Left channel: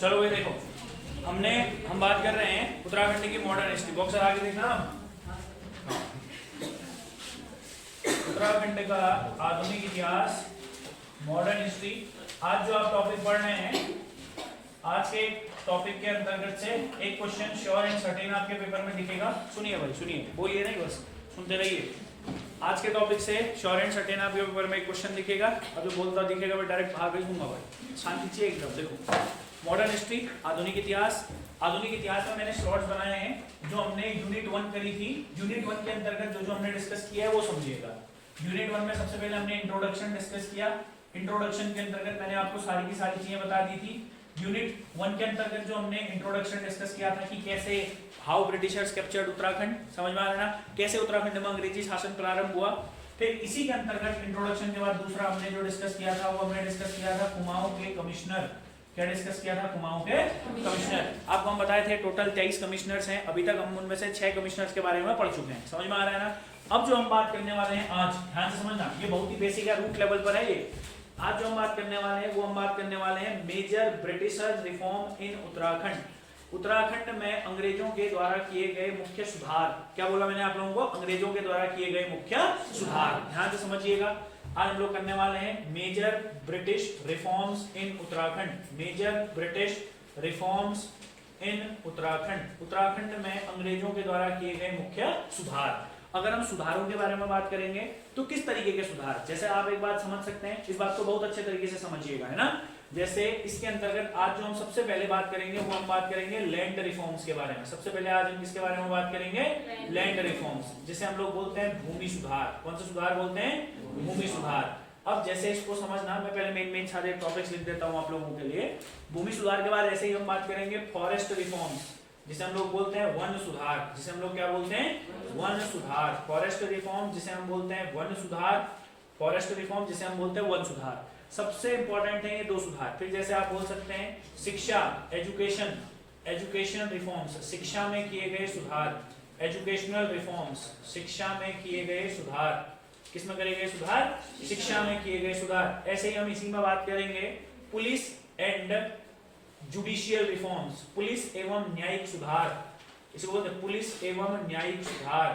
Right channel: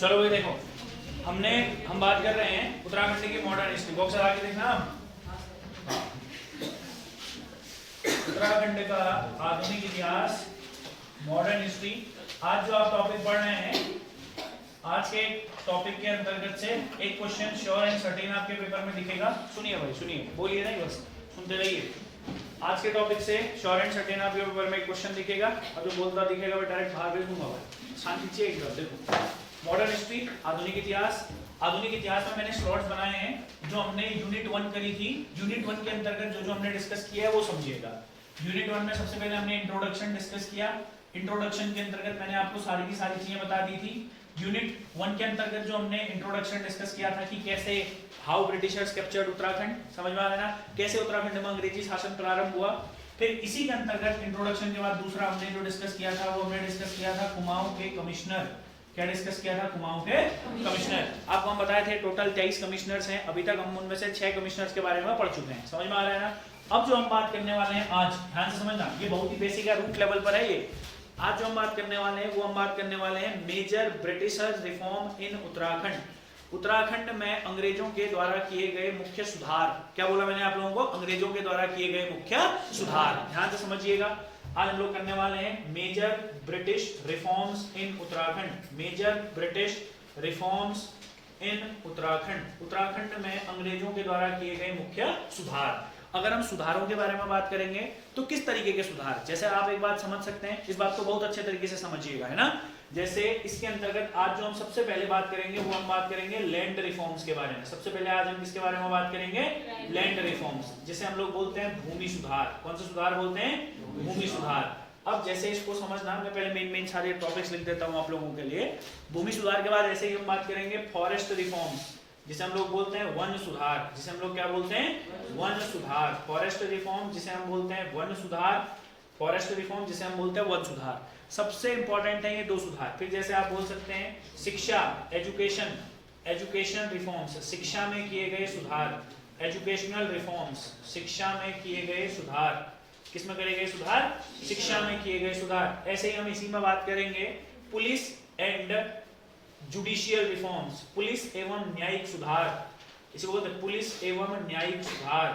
चलो भाई देखो, हम बात कर रहे हैं उत्तराखंड की मॉडर्न हिस्ट्री। बॉक्स आगे देखना। उत्तराखंड का आधुनिक इतिहास, मॉडर्न हिस्ट्री। आज जो आप टॉपिक पढ़ रहे हैं, आज के टॉपिक के अंतर्गत से एक क्वेश्चन श्योर एंड सर्टेन आपके पेपर में दिखेगा। सुनिए भाई, सुनिए, बोलिए नहीं, बस सुनते रहिए। आज के टॉपिक से श्योर एंड सर्टेन आपके पेपर में एक क्वेश्चन दिखेगा। अब जो बोलता दिखेगा वो डायरेक्ट भाग दूंगा। शांति चाहिए एक बार। देखो, मॉडर्न हिस्ट्री, आधुनिक इतिहास। आधुनिक इतिहास में मैंने स्लॉट्स बनाए हैं जो हमने यूनिट 1 करी थी। यूनिट 1 के अंतर्गत जो हमने डिस्कस किया है वो समझिएगा। यूनिट 1 में सबसे पहले हमने इंट्रोडक्शन डिस्कस किया। इंट्रोडक्शन के अंतर्गत मैंने आपको सारी की सारी चीजें बता दी थी। यूनिट 1 के अंतर्गत जो हमने इंट्रोडक्शन डिस्कस किया था कि कैसे हाउ ब्रिटिशर्स कैप्चर्ड उत्तराखंड, समझ में आ रहा है, कैसे उत्तराखंड में अंग्रेजी शासन प्रारंभ हुआ। फिर इसी के अंतर्गत इंट्रोडक्शन के बाद दूसरा हमने जो डिस्कस किया था वो हमने डिस्कस किया था कुमाऊं के कमिश्नर। क्या डिस्कस किया था? कुमाऊं के कमिश्नर। आपको हम बताए थे टोटल 23 कमिश्नर्स हैं। अभी तक हम उनमें से 6 कमिश्नर्स के बारे में पढ़ चुके हैं। समझ में आ रहा है ना। अब जो हम बात करने वाले हैं आज, ध्यान से समझना, ये बहुत ही बेसिक है, रूट लेवल पर है ये। आज जो हम बात करने वाले हैं वो हम बात करने वाले हैं major Britishers reform in Uttarakhand. Uttarakhand में अंग्रेजों के द्वारा किए गए मुख्य सुधार। क्या बोला मैंने आप लोगों को? अंग्रेजों के द्वारा किए गए मुख्य सुधार। ध्यान से समझिएगा। आज हम लोग करने वाले हैं major British reforms in Uttarakhand. Major British reforms in Uttarakhand. Uttarakhand में अंग्रेजों के द्वारा किए गए मुख्य सुधार। अगर हम सुधारों के बारे में बात करेंगे तो किस तरीके के सुधार, जैसे आप एक बात समझ सकते हैं, इस बात को बहुत अच्छे तरीके से समझिएगा, है ना। जैसे इसके अंतर्गत आज जो हम सबसे पहले बात करेंगे वो हम बात करेंगे लैंड रिफॉर्म्स के बारे में। सबसे पहले आज हम किसके बारे में बात करेंगे? लैंड रिफॉर्म्स, जिसे हम लोग बोलते हैं भूमि सुधार। कौन सा सुधार बोलते हैं? भूमि सुधार। अब जैसे इसको समझना, मैं पहले मेन सारे टॉपिक्स लिख देता हूं आप लोगों के लिए। भूमि सुधार के बाद ऐसे ही हम बात करेंगे फॉरेस्ट रिफॉर्म्स, जिसे हम लोग बोलते हैं वन सुधार। जिसे हम लोग क्या बोलते हैं? वन सुधार। फॉरेस्ट रिफॉर्म जिसे हम बोलते हैं वन सुधार। फॉरेस्ट रिफॉर्म जिसे हम बोलते हैं वन सुधार। सबसे इंपॉर्टेंट है ये दो सुधार। फिर जैसे आप बोल सकते हैं शिक्षा, एजुकेशन, एजुकेशन रिफॉर्म्स, शिक्षा में किए गए सुधार। एजुकेशनल रिफॉर्म्स, शिक्षा में किए गए सुधार। किसमें करे गए सुधार? शिक्षा में किए गए सुधार। ऐसे ही हम इसी में बात करेंगे police and judicial reforms, police एवं न्यायिक सुधार। इसे बोलते हैं पुलिस एवं न्यायिक सुधार।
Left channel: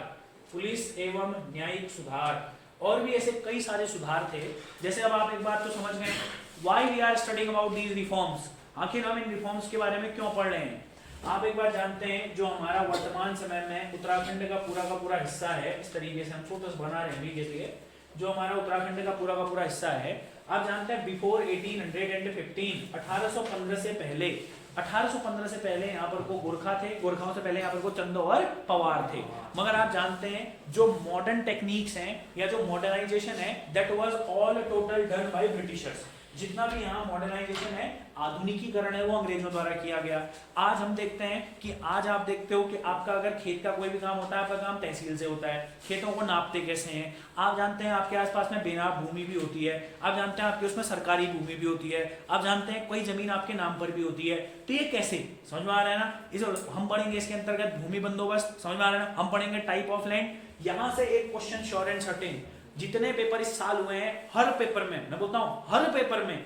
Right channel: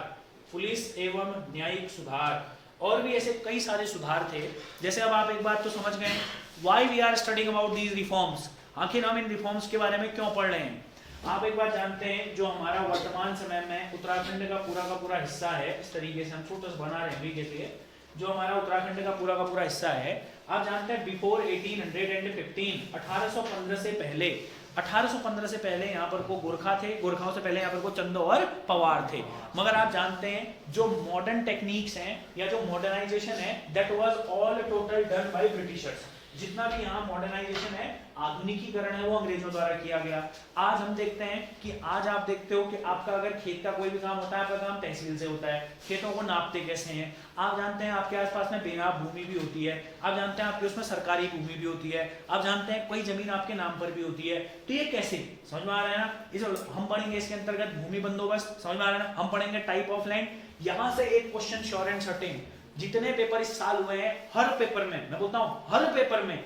पुलिस एवं न्यायिक सुधार। और भी ऐसे कई सारे सुधार थे। जैसे अब आप एक बात तो समझ गए, why we are studying about these reforms. आखिर हम इन रिफॉर्म्स के बारे में क्यों पढ़ रहे हैं? आप एक बात जानते हैं, जो हमारा वर्तमान समय में उत्तराखंड का पूरा हिस्सा है, इस तरीके से हम फोटोस बना रहे हैं जैसे, जो हमारा उत्तराखंड का पूरा हिस्सा है, आप जानते हैं बिफोर 1815, 1815 से पहले, 1815 से पहले यहाँ पर को गोरखा थे। गोरखाओं से पहले यहाँ पर को चंद और पवार थे। मगर आप जानते हैं जो मॉडर्न टेक्निक्स हैं या जो मॉडर्नाइजेशन है, that was all total done by Britishers. जितना भी यहाँ मॉडर्नाइजेशन है, आधुनिकीकरण है, वो अंग्रेजों द्वारा किया गया। आज हम देखते हैं कि आज आप देखते हो कि आपका अगर खेत का कोई भी काम होता है, आपका काम तहसील से होता है। खेतों को नापते कैसे हैं आप जानते हैं। आपके आसपास में बेनाम भूमि भी होती है। आप जानते हैं आपके उसमें सरकारी भूमि भी होती है। आप जानते हैं कोई जमीन आपके नाम पर भी होती है। तो ये कैसे, समझ में आ रहा है ना। इसे हम पढ़ेंगे इसके अंतर्गत भूमि बंदोबस्त, समझ में आ रहा है ना। हम पढ़ेंगे टाइप ऑफ लैंड। यहाँ से एक क्वेश्चन श्योर एंड सर्टेन, जितने पेपर इस साल हुए हैं, हर पेपर में, मैं बोलता हूं हर पेपर में,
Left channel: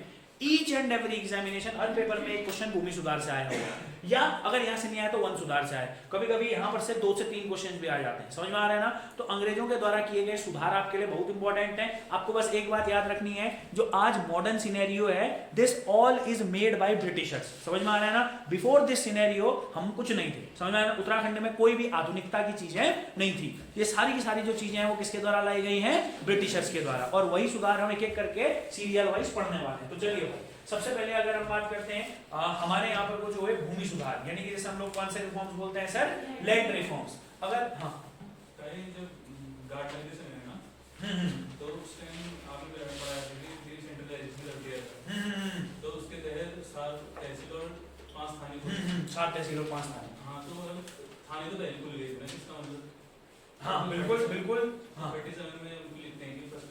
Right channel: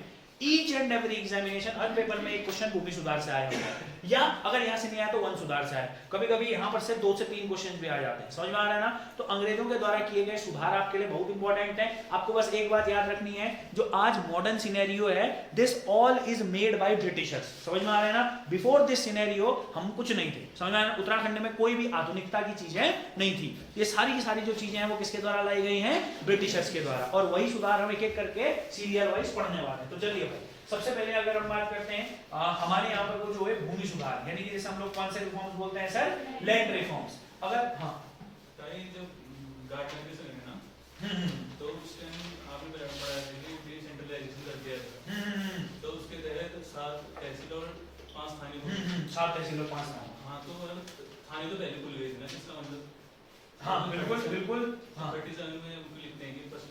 each and every examination, her paper में एक क्वेश्चन भूमि सुधार से आया होगा, या अगर यहाँ से नहीं आया तो वन सुधार से आया। कभी कभी यहाँ पर से 2 से 3 क्वेश्चन भी आ जाते हैं। समझ में आ रहा है ना। तो अंग्रेजों के द्वारा किए गए सुधार आपके लिए बहुत इंपॉर्टेंट है। आपको बस एक बात याद रखनी है, जो आज मॉडर्न सिनेरियो है, this all is made by Britishers. समझ में आ रहा है ना। बिफोर दिस सिनेरियो हम कुछ नहीं थे। समझ में आ रहा है। उत्तराखंड में कोई भी आधुनिकता की चीजें नहीं थी। ये सारी की सारी जो चीजें हैं वो किसके द्वारा लाई गई हैं? ब्रिटिशर्स के द्वारा। और वही सुधार हम एक एक करके सीरियल वाइज पढ़ने वाले हैं। तो चलिए सबसे पहले अगर हम बात करते हैं, हमारे यहाँ पर जो है भूमि सुधार, यानी कि जैसे हम लोग कौन से रिफॉर्म्स बोलते हैं सर? Land reforms. अगर हाँ कहीं जब गार्डन है ना, तो उस टाइम आपने पढ़ा है कि सेंट्रलाइजेशन कर दिया है। तो उसके तहत 7 तहसील और 5 थाने 7 तहसील और 5 थाने। हाँ, तो थाने तो पहले खुल गए थे ना, इसका मतलब। हाँ बिल्कुल बिल्कुल। हाँ में उनको लिखते हैं कि फर्स्ट।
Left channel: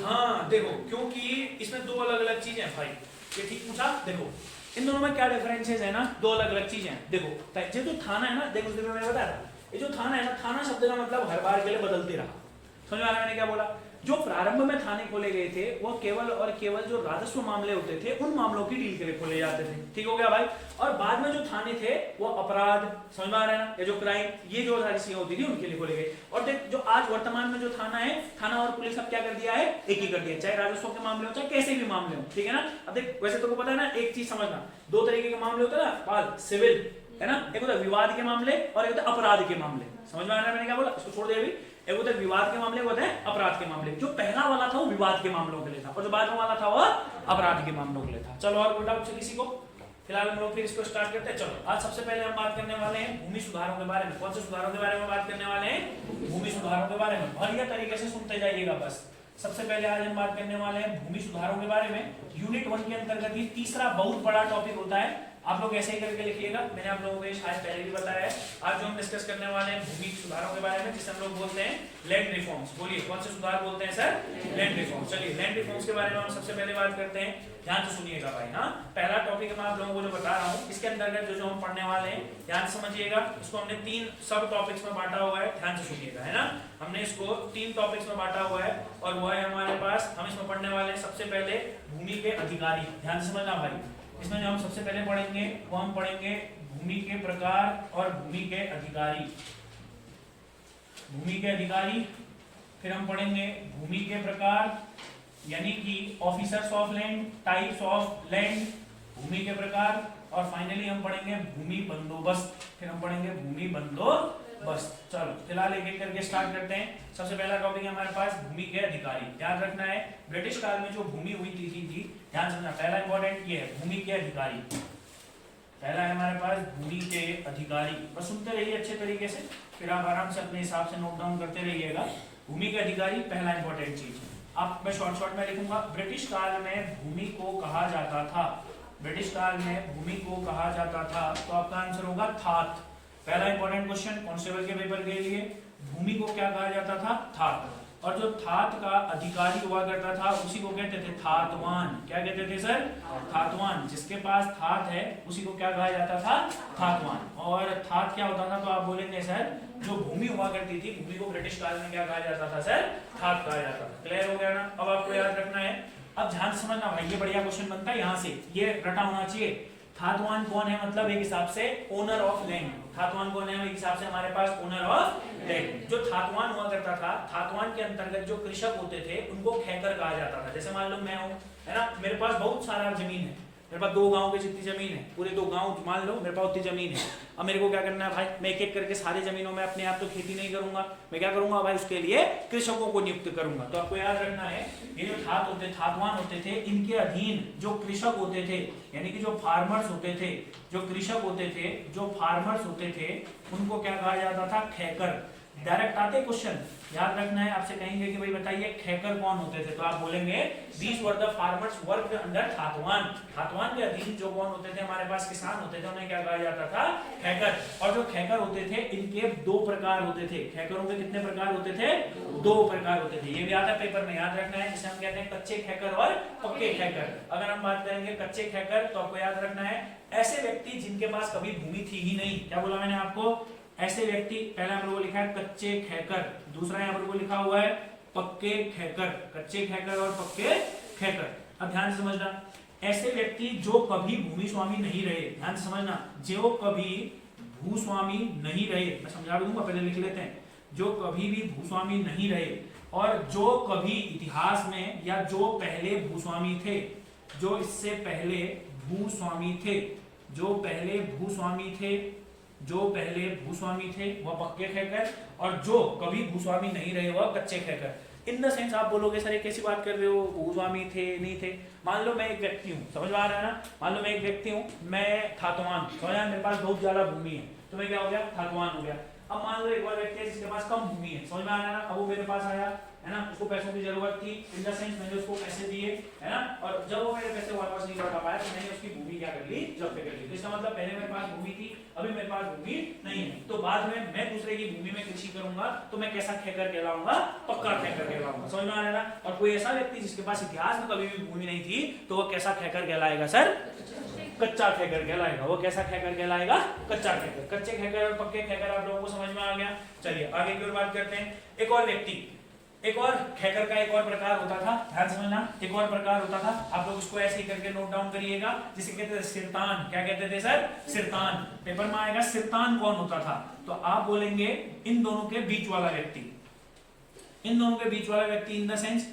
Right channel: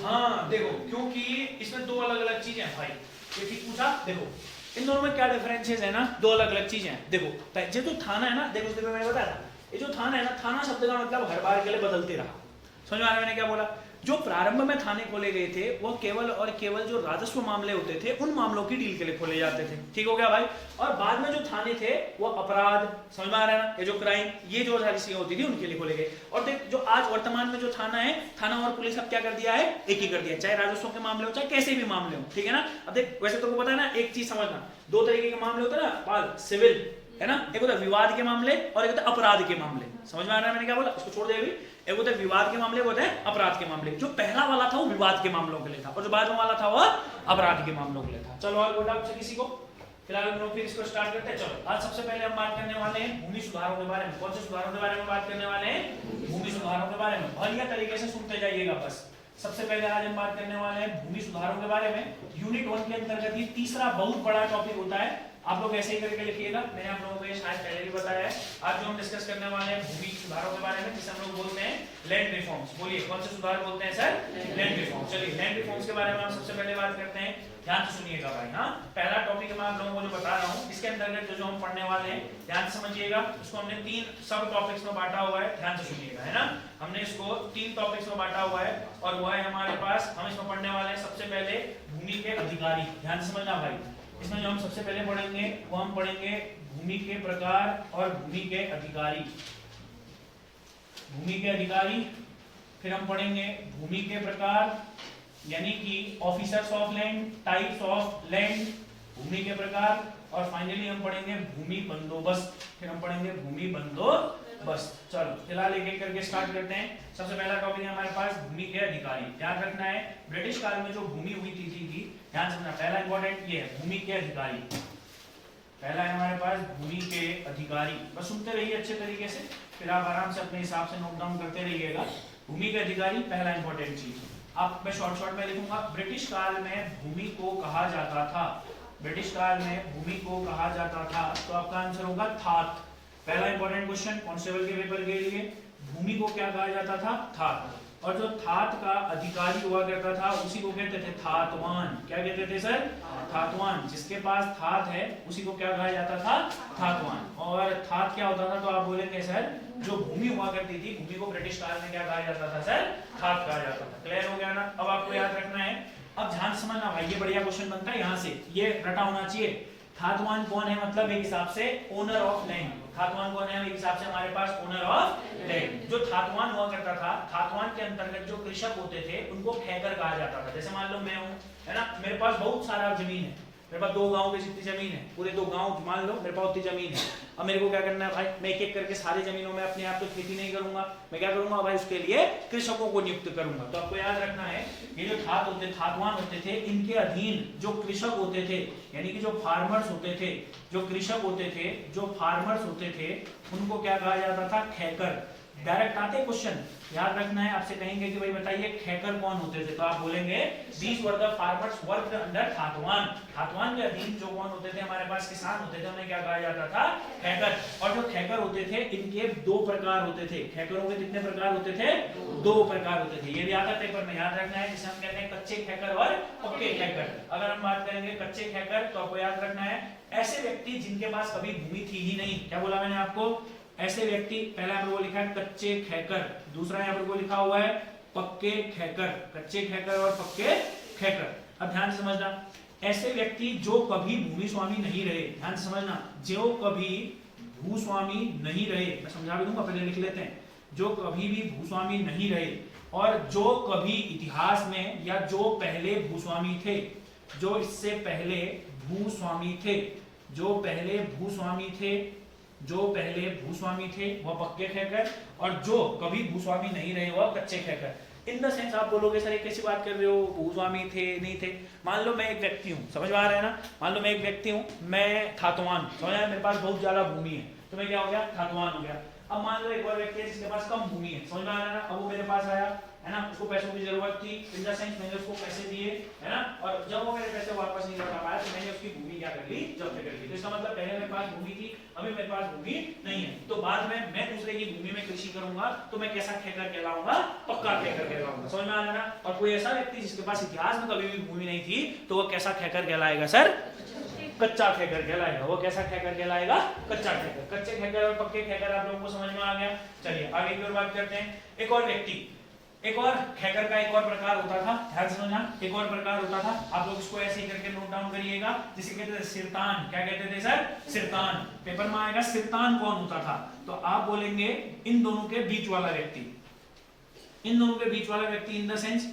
हाँ देखो, क्योंकि इसमें 2 अलग अलग चीजें हैं भाई। ये ठीक पूछा। देखो इन दोनों में क्या डिफरेंसेस है ना, 2 अलग अलग चीजें हैं। देखो ये जो थाना है ना, देखो मैंने बताया था, ये जो थाना है ना, थाना शब्द का मतलब हर बार के लिए बदलते रहा। समझ में आ रहा है मैंने क्या बोला? जो प्रारंभ में थाने खोले गए थे वो केवल और केवल जो राजस्व मामले होते थे उन मामलों की डील के लिए खोले जाते थे, ठीक हो गया भाई? और बाद में जो थाने थे वो अपराध, समझ में आ रहा है ना, ये जो क्राइम, ये जो सारी चीजें होती थी उनके लिए खोले गए। और देख जो आज वर्तमान में जो थाना है, थाना और पुलिस अब क्या कर दिया है, एक ही कर दिया, चाहे राजस्व के मामले हो चाहे कैसे भी मामले हो, ठीक है ना? अब देख वैसे तो पता है ना, एक चीज समझना, दो तरीके के मामले होते हैं ना, सिविल है ना, एक होता है विवाद के मामले और एक होता है अपराध के मामले। समझ में आ रहा है मैंने क्या बोला? इसको छोड़ दे अभी। एक होता है विवाद के मामले, होता है अपराध के मामले। जो पहला वाला था वो विवाद के मामलों के लिए था और जो बाद में वाला था वो अपराध के मामलों के लिए था। चलो और कोई डाउट से किसी को? फिलहाल हम लोग फिर इसको स्टार्ट करते हैं। चलो आज सबसे पहले हम बात करने वाले हैं भूमि सुधारों के बारे में। कौन से सुधारों के बारे में बात करने वाले हैं? भूमि सुधारों के बारे में। बढ़िया तरीके से सुनते जाइएगा बस। सबसे पहले आज हम बात करने वाले हैं भूमि सुधारों के बारे में। यूनिट 1 के अंतर्गत ही तीसरा बहुत बड़ा टॉपिक होता है। आप लोग ऐसे ही करके लिखिएगा, मैंने आप लोगों को ये शायद पहले भी बताया है। आज जो हम डिस्कस करने वाले हैं भूमि सुधारों के बारे में, जिसे हम लोग बोलते हैं लैंड रिफॉर्म्स। बोलिए कौन से सुधार बोलते हैं सर? Land reforms. चलिए लैंड रिफॉर्म्स के बारे में हम सबसे पहले बात करते हैं। ध्यान से सुनिएगा भाई। हाँ, पहला टॉपिक मैं आप लोगों को जो बता रहा हूँ, इसके अंतर्गत जो हम पढ़ने वाले हैं, ध्यान से समझिएगा। इसको हमने 3 सब टॉपिक्स में बांटा हुआ है, ध्यान से सुनिएगा, है ना। हमने इसको 3 टॉपिक्स में बांटा हुआ है और वो है हमारे पास, हम इसमें पढ़ने वाले हैं सबसे पहले भूमि के अधिकारी। ध्यान से समझना भाई। इसमें जो हम सबसे पहले पढ़ेंगे वो हम पढ़ेंगे भूमि के प्रकार और भूमि के अधिकारी। भूमि के अधिकारी, फिर हम पढ़ेंगे भूमि के प्रकार यानी कि officers of land, types of land, भूमि के प्रकार, और फाइनली हम पढ़ेंगे भूमि बंदोबस्त। फिर हम पढ़ेंगे भूमि बंदोबस्त। चलो फिलहाल एक एक करके स्टार्ट करते हैं। सबसे पहला टॉपिक है हमारे पास भूमि के अधिकारी। ध्यान रखना है ब्रिटिश काल में जो भूमि हुई थी ध्यान रखना। पहला इंपॉर्टेंट ये है भूमि के अधिकारी। पहला है हमारे पास भूमि के अधिकारी। बस सुनते रहिए अच्छे तरीके से, फिर आप आराम से अपने हिसाब से नोट डाउन करते रहिएगा। भूमि के अधिकारी पहला इंपॉर्टेंट चीज। आप मैं शॉर्ट में लिखूंगा। ब्रिटिश काल में भूमि को कहा जाता था, ब्रिटिश काल में भूमि को कहा जाता था, तो आपका आंसर होगा थात। पहला इंपॉर्टेंट क्वेश्चन कांस्टेबल के पेपर के लिए, भूमि को क्या कहा जाता था? थात। और जो थात का अधिकारी हुआ करता था उसी को कहते थे थातवान। क्या कहते थे सर? थातवान। जिसके पास थात है उसी को क्या कहा जाता था? थातवान। और थात क्या होता था? तो आप बोलेंगे सर जो भूमि हुआ करती थी, भूमि को ब्रिटिश काल में क्या कहा जाता था सर? थात कहा जाता था। क्लियर हो गया ना? अब आपको याद रखना है। अब ध्यान समझना भाई, ये बढ़िया क्वेश्चन बनता है यहाँ से, ये रटा होना चाहिए। थातवान कौन है? मतलब एक हिसाब से ओनर ऑफ लैंड। थातवान कौन है? एक हिसाब से हमारे पास ओनर ऑफ लैंड। जो थातवान हुआ करता था, थातवान के अंतर्गत जो कृषक होते थे उनको खैकर कहा जाता था। जैसे मान लो मैं हूँ, है ना, मेरे पास बहुत सारा जमीन है, मेरे पास 2 गांव की जितनी जमीन है, पूरे 2 गांव मान लो मेरे पास उतनी जमीन है। अब मेरे को क्या करना है भाई? मैं एक एक करके सारी जमीनों में अपने आप तो खेती नहीं करूंगा, मैं क्या करूंगा भाई? उसके लिए कृषकों को नियुक्त करूंगा। तो आपको याद रखना है ये जो थातवान होते थे, इनके अधीन जो कृषक होते थे, यानी कि जो फार्मर्स होते थे, जो कृषक होते थे, जो फार्मर्स होते थे, उनको क्या कहा जाता था? खैकर। डायरेक्ट आते क्वेश्चन, याद रखना है। आपसे कहेंगे कि भाई बताइए खैकर कौन होते थे, तो आप बोलेंगे these were the farmers worked under थातवान। थातवान के अधीन जो कौन होते थे? हमारे पास किसान होते थे, उन्हें क्या कहा जाता था? खैकर। और जो खैकर होते थे इनके 2 प्रकार होते थे। खैकरों के कितने प्रकार होते थे? 2 प्रकार होते थे। ये भी आता है पेपर में, याद रखना है। जिसे हम कहते हैं कच्चे खैकर और पक्के खैकर। अगर हम बात करेंगे कच्चे खैकर, तो आपको याद रखना है ऐसे व्यक्ति जिनके पास कभी भूमि थी ही नहीं। क्या बोला मैंने आपको? ऐसे व्यक्ति। पहले हम लोगों को लिखा है कच्चे खैकर, दूसरा यहाँ पर लिखा हुआ है पक्के खैकर। कच्चे खैकर और पक्के खैकर। अब ध्यान से समझना, ऐसे व्यक्ति जो कभी भूमि स्वामी नहीं रहे, ध्यान से समझना, जो कभी भूस्वामी नहीं रहे, मैं समझा भी दूंगा, पहले लिख लेते हैं। जो कभी भी भूस्वामी नहीं रहे और जो कभी इतिहास में या जो पहले भूस्वामी थे, जो इससे पहले भूस्वामी थे, जो पहले भूस्वामी थे, जो पहले भूस्वामी थे वह पक्के खैकर, और जो कभी भूस्वामी नहीं रहे वह कच्चे खैकर। इन द सेंस आप बोलोगे सर ये कैसी बात कर रहे हो, भूस्वामी थे नहीं थे? मान लो मैं एक व्यक्ति हूँ, समझ में आ रहा है ना? मान लो मैं एक व्यक्ति हूँ, मैं थातवान, समझ में, मेरे पास बहुत ज्यादा भूमि है, तो मैं क्या हो गया? थातवान हो गया। अब मान लो एक और व्यक्ति है जिसके पास कम भूमि है, समझ में आ रहा है ना? अब वो मेरे पास आया, है ना, उसको पैसों की जरूरत थी, इन द सेंस मैंने उसको पैसे दिए, है ना, और जब वो मेरे पैसे वापस नहीं लौटा पाया तो मैंने उसकी भूमि क्या कर ली? जब्त कर ली। तो इसका मतलब पहले मेरे पास भूमि थी, अभी मेरे पास भूमि नहीं है, तो बाद में मैं दूसरे की भूमि में कृषि करूंगा तो मैं कैसा खैकर कहलाऊंगा? पक्का खैकर कहलाऊंगा। समझ में आ रहा है ना? और कोई ऐसा व्यक्ति जिसके पास इतिहास में कभी भी भूमि नहीं थी तो वो कैसा खैकर कहलाएगा सर? कच्चा खैकर कहलाएगा। वो कैसा खैकर कहलाएगा? कच्चा खैकर। कच्चे खैकर और पक्के खैकर आप लोगों को समझ में आ गया। चलिए आगे की ओर बात करते हैं। एक और व्यक्ति, एक और खैकर का एक और प्रकार होता था, ध्यान समझना, एक और प्रकार होता था, आप लोग इसको ऐसे ही करके नोट डाउन करिएगा, जिसे कहते थे सिरतान। क्या कहते थे सर? सिरतान। पेपर में आएगा सिरतान कौन होता था, तो आप बोलेंगे इन दोनों के बीच वाला व्यक्ति। इन दोनों के बीच वाला व्यक्ति इन द सेंस,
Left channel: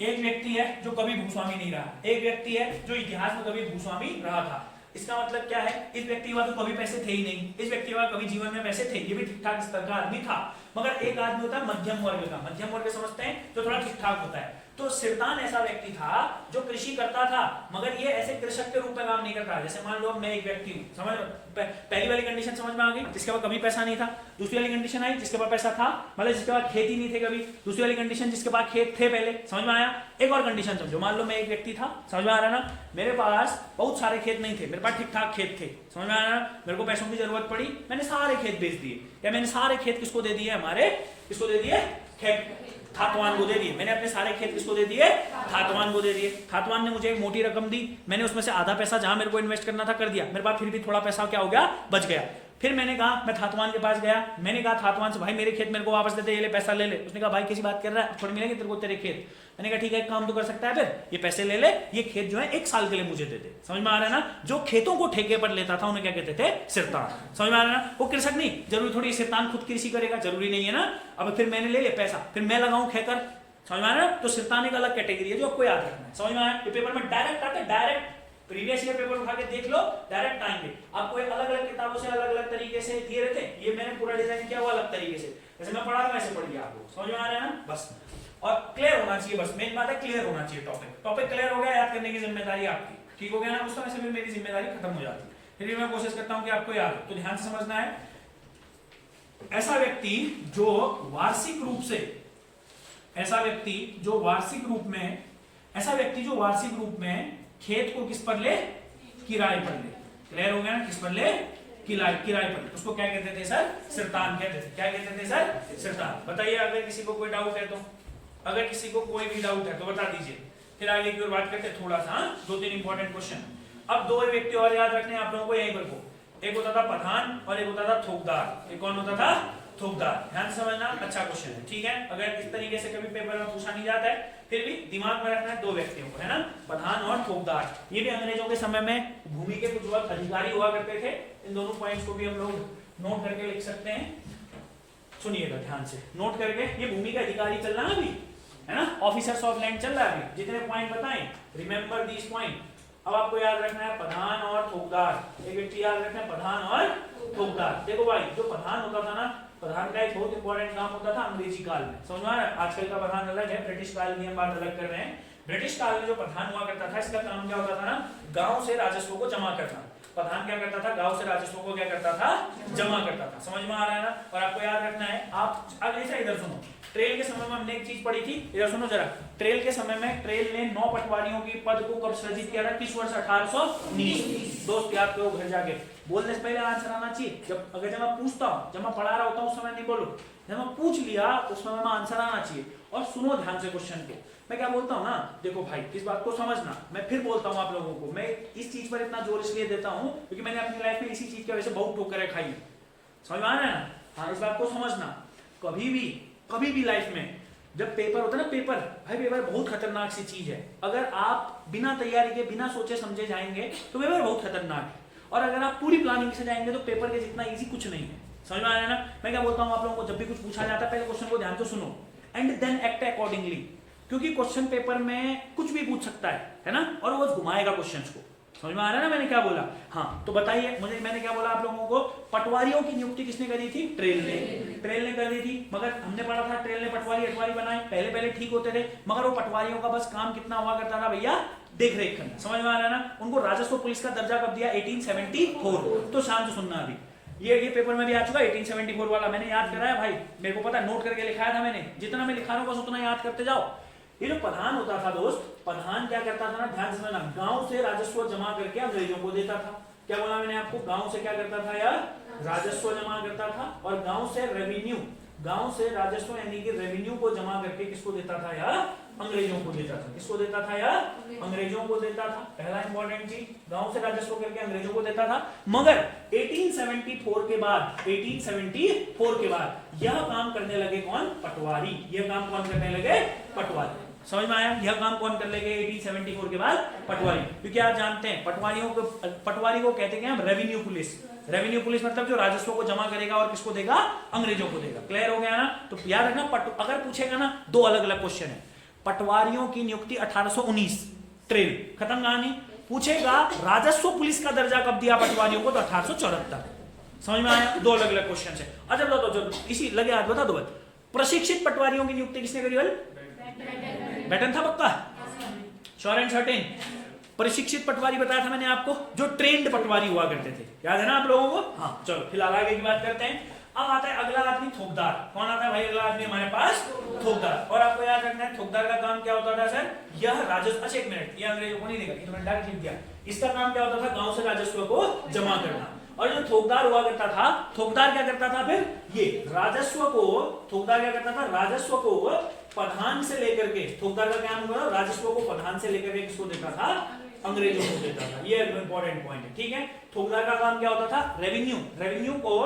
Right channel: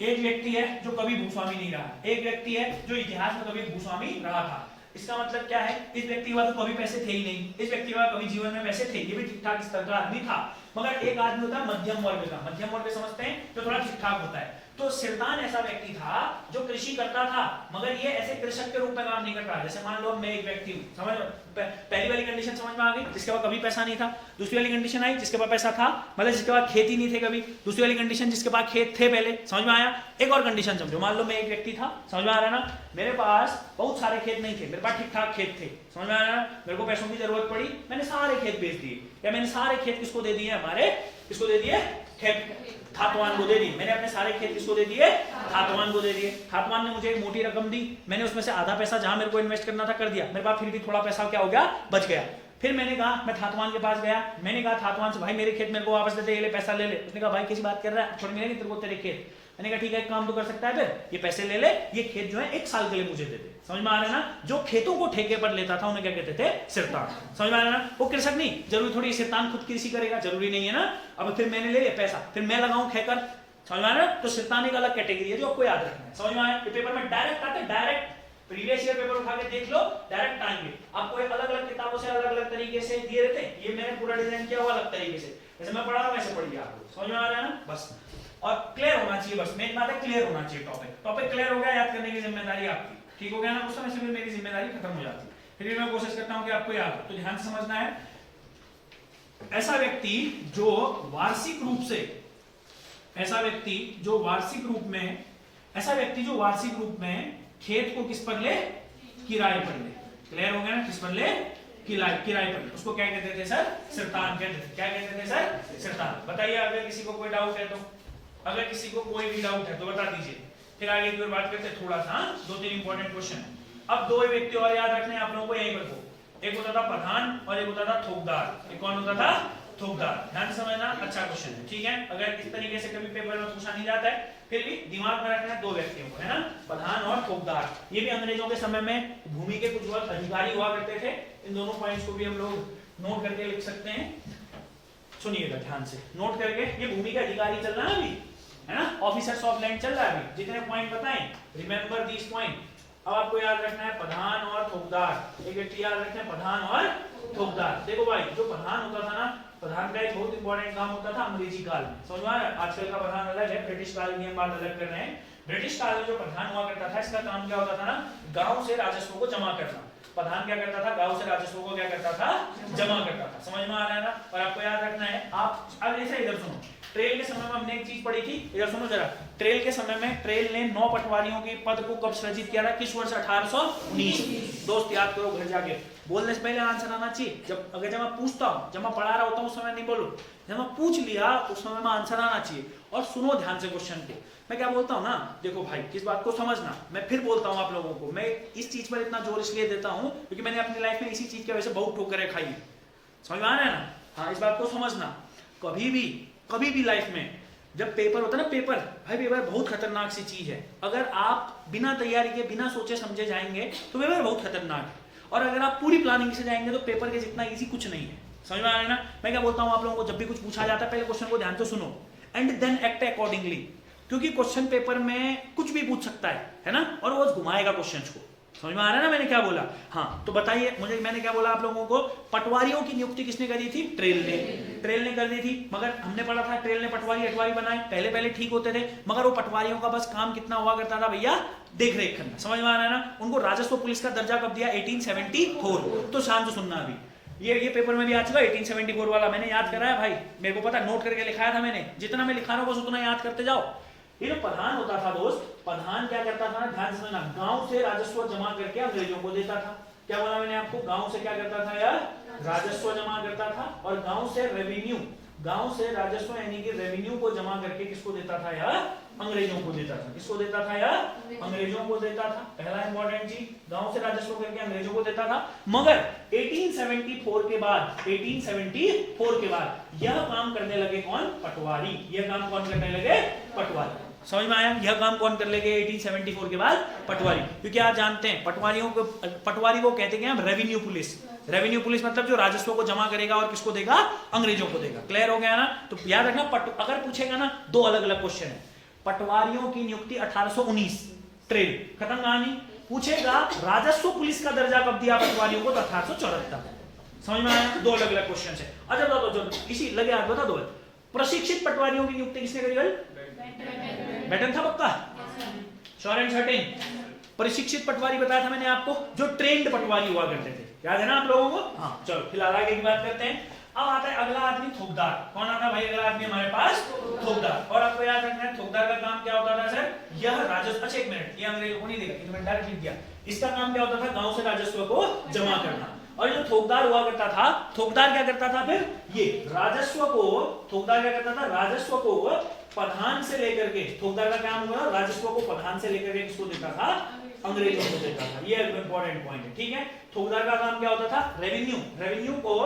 एक व्यक्ति है जो कभी भूस्वामी नहीं रहा, एक व्यक्ति है जो इतिहास में कभी भूस्वामी रहा था। इसका मतलब क्या है? इस व्यक्ति के पास तो कभी पैसे थे ही नहीं, इस व्यक्ति के पास कभी जीवन में पैसे थे, ये भी ठीक ठाक स्तर का आदमी था। मगर एक आदमी होता है मध्यम वर्ग का, मध्यम वर्ग समझते हैं, जो थोड़ा ठीक ठाक होता है। तो सिरतान ऐसा व्यक्ति था जो कृषि करता था, मगर ये ऐसे कृषक के रूप में काम नहीं करता। जैसे मान लो मैं एक व्यक्ति हूँ, समझ पहली वाली कंडीशन समझ में आ गई, जिसके पास कभी पैसा नहीं था। दूसरी वाली कंडीशन आई जिसके पास पैसा था, मतलब जिसके पास खेती नहीं थे कभी। दूसरी वाली कंडीशन जिसके पास खेत थे पहले, समझ में आया। एक और कंडीशन समझो, मान लो मैं एक व्यक्ति था, समझ में आ रहा है ना, मेरे पास बहुत सारे खेत नहीं थे, मेरे पास ठीक ठाक खेत थे, समझ में आ रहा है। मेरे को पैसों की जरूरत पड़ी, मैंने सारे खेत बेच दिए, या मैंने सारे खेत किसको दे दिए? हमारे किसको दे दिए? थातवान को दे दिए। मैंने अपने सारे खेत किसको दे दिए? थातवान को दे दिए। थातवान ने मुझे एक मोटी रकम दी, मैंने उसमें से आधा पैसा जहां मेरे को इन्वेस्ट करना था कर दिया, मेरे पास फिर भी थोड़ा पैसा क्या हो गया? बच गया। फिर मैंने कहा, मैं थातवान के पास गया, मैंने कहा थातवान से, भाई मेरे खेत मेरे को वापस दे दे, ये ले पैसा ले ले। उसने कहा भाई किसी बात कर रहा है, थोड़ी मिलेंगे तेरे को तेरे खेत। मैंने कहा ठीक है, एक काम तो कर सकता है, फिर ये पैसे ले ले, ये खेत जो है 1 साल के लिए मुझे दे दे। समझ में आ रहा है ना। जो खेतों को ठेके पर लेता था उन्हें क्या कहते थे? सिरतान। समझ में आ रहा है ना। वो कृषक नहीं, जरूरी थोड़ी सिरतान खुद कृषि करेगा, जरूरी नहीं है ना। अब फिर मैंने ले लिया पैसा, फिर मैं लगाऊं ठेकर, समझ में आ रहा है। तो सिरतान एक अलग कैटेगरी है जो आपको याद रखना है। समझ में आया। पेपर में डायरेक्ट आते, डायरेक्ट प्रीवियस ईयर पेपर उठा के देख लो, डायरेक्ट आएंगे आपको। एक अलग अलग किताबों से अलग अलग तरीके से दिए रहते हैं, ये मैंने पूरा डिजाइन किया हुआ अलग तरीके से, जैसे मैं पढ़ा रहा हूं वैसे पढ़िए आपको। समझ में आ रहा है ना। बस और क्लियर होना चाहिए, बस मेन बात है क्लियर होना चाहिए। टॉपिक क्लियर हो गया, याद करने की जिम्मेदारी आपकी, ठीक हो गया ना। उस समय से मेरी जिम्मेदारी खत्म हो जाती है, फिर भी मैं कोशिश करता हूं कि आपको याद हो। तो ध्यान से समझना है, ऐसा व्यक्ति जो वार्षिक रूप से, ऐसा व्यक्ति जो वार्षिक रूप में, ऐसा व्यक्ति जो वार्षिक रूप में खेत को किस पर ले? किराए पर ले। क्लियर हो गया ना। किस पर ले? किराए पर। उसको क्या कहते थे सर? सिरतान कहते थे। क्या कहते थे सर? सिरतान। बताइए अगर किसी को कोई डाउट है तो, अगर किसी को कोई भी डाउट है तो बता दीजिए, फिर आगे की ओर बात करते हैं थोड़ा सा। 2-3 इंपॉर्टेंट क्वेश्चन। अब 2 व्यक्ति और याद रखने आप लोगों को, यहीं पर को, एक होता था प्रधान और एक होता था थोकदार। एक कौन होता था? थोकदार। ध्यान से समझना, अच्छा क्वेश्चन है, ठीक है। अगर इस तरीके से कभी पेपर में पूछा नहीं जाता है, फिर भी दिमाग में रखना है 2 व्यक्तियों को, है ना, प्रधान और थोकदार। ये भी अंग्रेजों के समय में भूमि के कुछ वर्ग अधिकारी हुआ करते थे। इन दोनों पॉइंट्स को भी हम लोग नोट करके लिख सकते हैं। सुनिएगा ध्यान से, नोट करके। ये भूमि का अधिकारी चल रहा है अभी, है ना, ऑफिसर्स ऑफ लैंड चल रहा है अभी। जितने पॉइंट बताएं, रिमेंबर दिस पॉइंट। अब आपको याद रखना है प्रधान और थोकदार। एक व्यक्ति याद रखना है प्रधान और थोकदार। देखो भाई, जो प्रधान होता था ना, प्रधान का एक बहुत इंपॉर्टेंट काम होता था अंग्रेजी काल में। समझ में आ रहा है। आजकल का प्रधान अलग है, ब्रिटिश काल में हम बात अलग कर रहे हैं। ब्रिटिश काल में जो प्रधान हुआ करता था, इसका काम क्या होता था ना, गांव से राजस्व को जमा करना। प्रधान क्या करता था? गांव से राजस्व को क्या करता था? जमा करता था। समझ में आ रहा है ना। और आपको याद रखना है, आप अब ऐसे इधर सुनो, ट्रेल के समय में हमने एक चीज पढ़ी थी, इधर सुनो जरा। ट्रेल के समय में ट्रेल ने 9 पटवारियों के पद को कब सृजित किया था? किस वर्ष? 1819। दोस्त याद करो घर जाके, बोलने से पहले आंसर आना चाहिए। जब मैं पूछता हूँ, जब मैं पढ़ा रहा होता हूँ उस समय नहीं बोलो, जब मैं पूछ लिया उस समय में आंसर आना चाहिए। और सुनो ध्यान से क्वेश्चन को, मैं क्या बोलता हूँ ना, देखो भाई इस बात को समझना। मैं फिर बोलता हूँ आप लोगों को, मैं इस चीज पर इतना जोर इसलिए देता हूँ क्योंकि मैंने अपनी लाइफ में इसी चीज की वजह से बहुत ठोकरें खाई। समझ में आ रहा है ना। हाँ, इस बात को समझना। कभी भी लाइफ में जब पेपर होता है ना, पेपर भाई, पेपर बहुत खतरनाक सी चीज है। अगर आप बिना तैयारी के, बिना सोचे समझे जाएंगे तो पेपर बहुत खतरनाक है, और अगर आप पूरी प्लानिंग से जाएंगे तो पेपर के जितना इजी कुछ नहीं है। समझ में आ रहा है ना। मैं क्या बोलता हूँ आप लोगों को, जब भी कुछ पूछा जाता है पहले क्वेश्चन को ध्यान से सुनो एंड देन एक्ट अकॉर्डिंगली, क्योंकि क्वेश्चन पेपर में कुछ भी पूछ सकता है ना, और वो घुमाएगा क्वेश्चंस को। समझ में आ रहा है ना मैंने क्या बोला। हाँ, तो बताइए मुझे, मैंने क्या बोला आप लोगों को, पटवारियों की नियुक्ति किसने करी थी? ट्रेल ने कर दी थी। मगर हमने पढ़ा था ट्रेल ने पटवारी अटवारी बनाए, पहले ठीक होते थे, मगर वो पटवारियों का बस काम कितना हुआ करता था भैया? देख रेख करना। समझ में आ रहा है ना। उनको राजस्व पुलिस का दर्जा कब दिया? 1874। तो शाम से सुनना अभी, ये पेपर में भी आ चुका 1874 वाला, मैंने याद कराया भाई, मेरे को पता, नोट करके लिखाया था मैंने। जितना मैं लिखा रहा हूँ बस उतना याद करते जाओ। ये जो प्रधान होता था दोस्त, प्रधान क्या करता था ना, ध्यान से समझना, गांव से राजस्व जमा करके अंग्रेजों को देता था। क्या बोला मैंने आपको? गांव से क्या करता था यार? राजस्व जमा करता था। और गांव से रेवेन्यू, गांव से राजस्व यानी कि रेवेन्यू को जमा करके किसको देता था यार? अंग्रेजों को देता था। किसको देता था यार? अंग्रेजों को देता था। पहला इंपॉर्टेंट चीज, गांव से राजस्व करके अंग्रेजों को देता था। मगर 1874 के बाद यह काम करने लगे कौन? पटवारी। यह काम कौन करने लगे? पटवारी। समझ में आया? यह काम कौन कर लेंगे 1874 के बाद? पटवारी। क्योंकि आप जानते हैं पटवारी को कहते हैं रेवेन्यू पुलिस। रेवेन्यू पुलिस मतलब जो राजस्व को जमा करेगा और किसको देगा? अंग्रेजों को देगा। क्लियर हो गया ना? तो याद रखना, अगर पूछेगा ना, दो अलग अलग क्वेश्चन है। पटवारियों की नियुक्ति 1819, ट्रेड खत्म कहानी। पूछेगा राजस्व पुलिस का दर्जा कब दिया पटवारियों को? तो 1874। समझ में आया? दो अलग अलग क्वेश्चन है। अच्छा तो इसी लगे हाथ बता दो। प्रशिक्षित पटवारियों की नियुक्ति किसने करी? बैटन था पक्का? Sure and certain? प्रशिक्षित पटवारी बताया था मैंने आपको, जो ट्रेंड पटवारी हुआ करते थे। याद है ना आप लोगों को? हाँ चलो फिलहाल आगे की बात करते हैं। अब आता है अगला आदमी, थोकदार। कौन आता है भाई अगला आदमी हमारे पास? थोकदार। और आपको याद रखना है थोकदार का काम क्या होता था सर? यह राजस्व, अच्छा एक मिनट, ये अंग्रेजों को नहीं देगा, तो मैंने डायरेक्ट लिख दिया। इसका काम क्या होता था? गांव से राजस्व को जमा करना। और जो थोकदार हुआ करता था, थोकदार क्या करता था फिर? ये राजस्व को, थोकदार क्या करता था? राजस्व को प्रधान से लेकर के, थोकदार का काम हुआ राजस्व को प्रधान से लेकर के किसको देता था? अंग्रेजों को देता था। ये इंपॉर्टेंट पॉइंट है, ठीक है। थोकदार का काम क्या होता था? रेवेन्यू को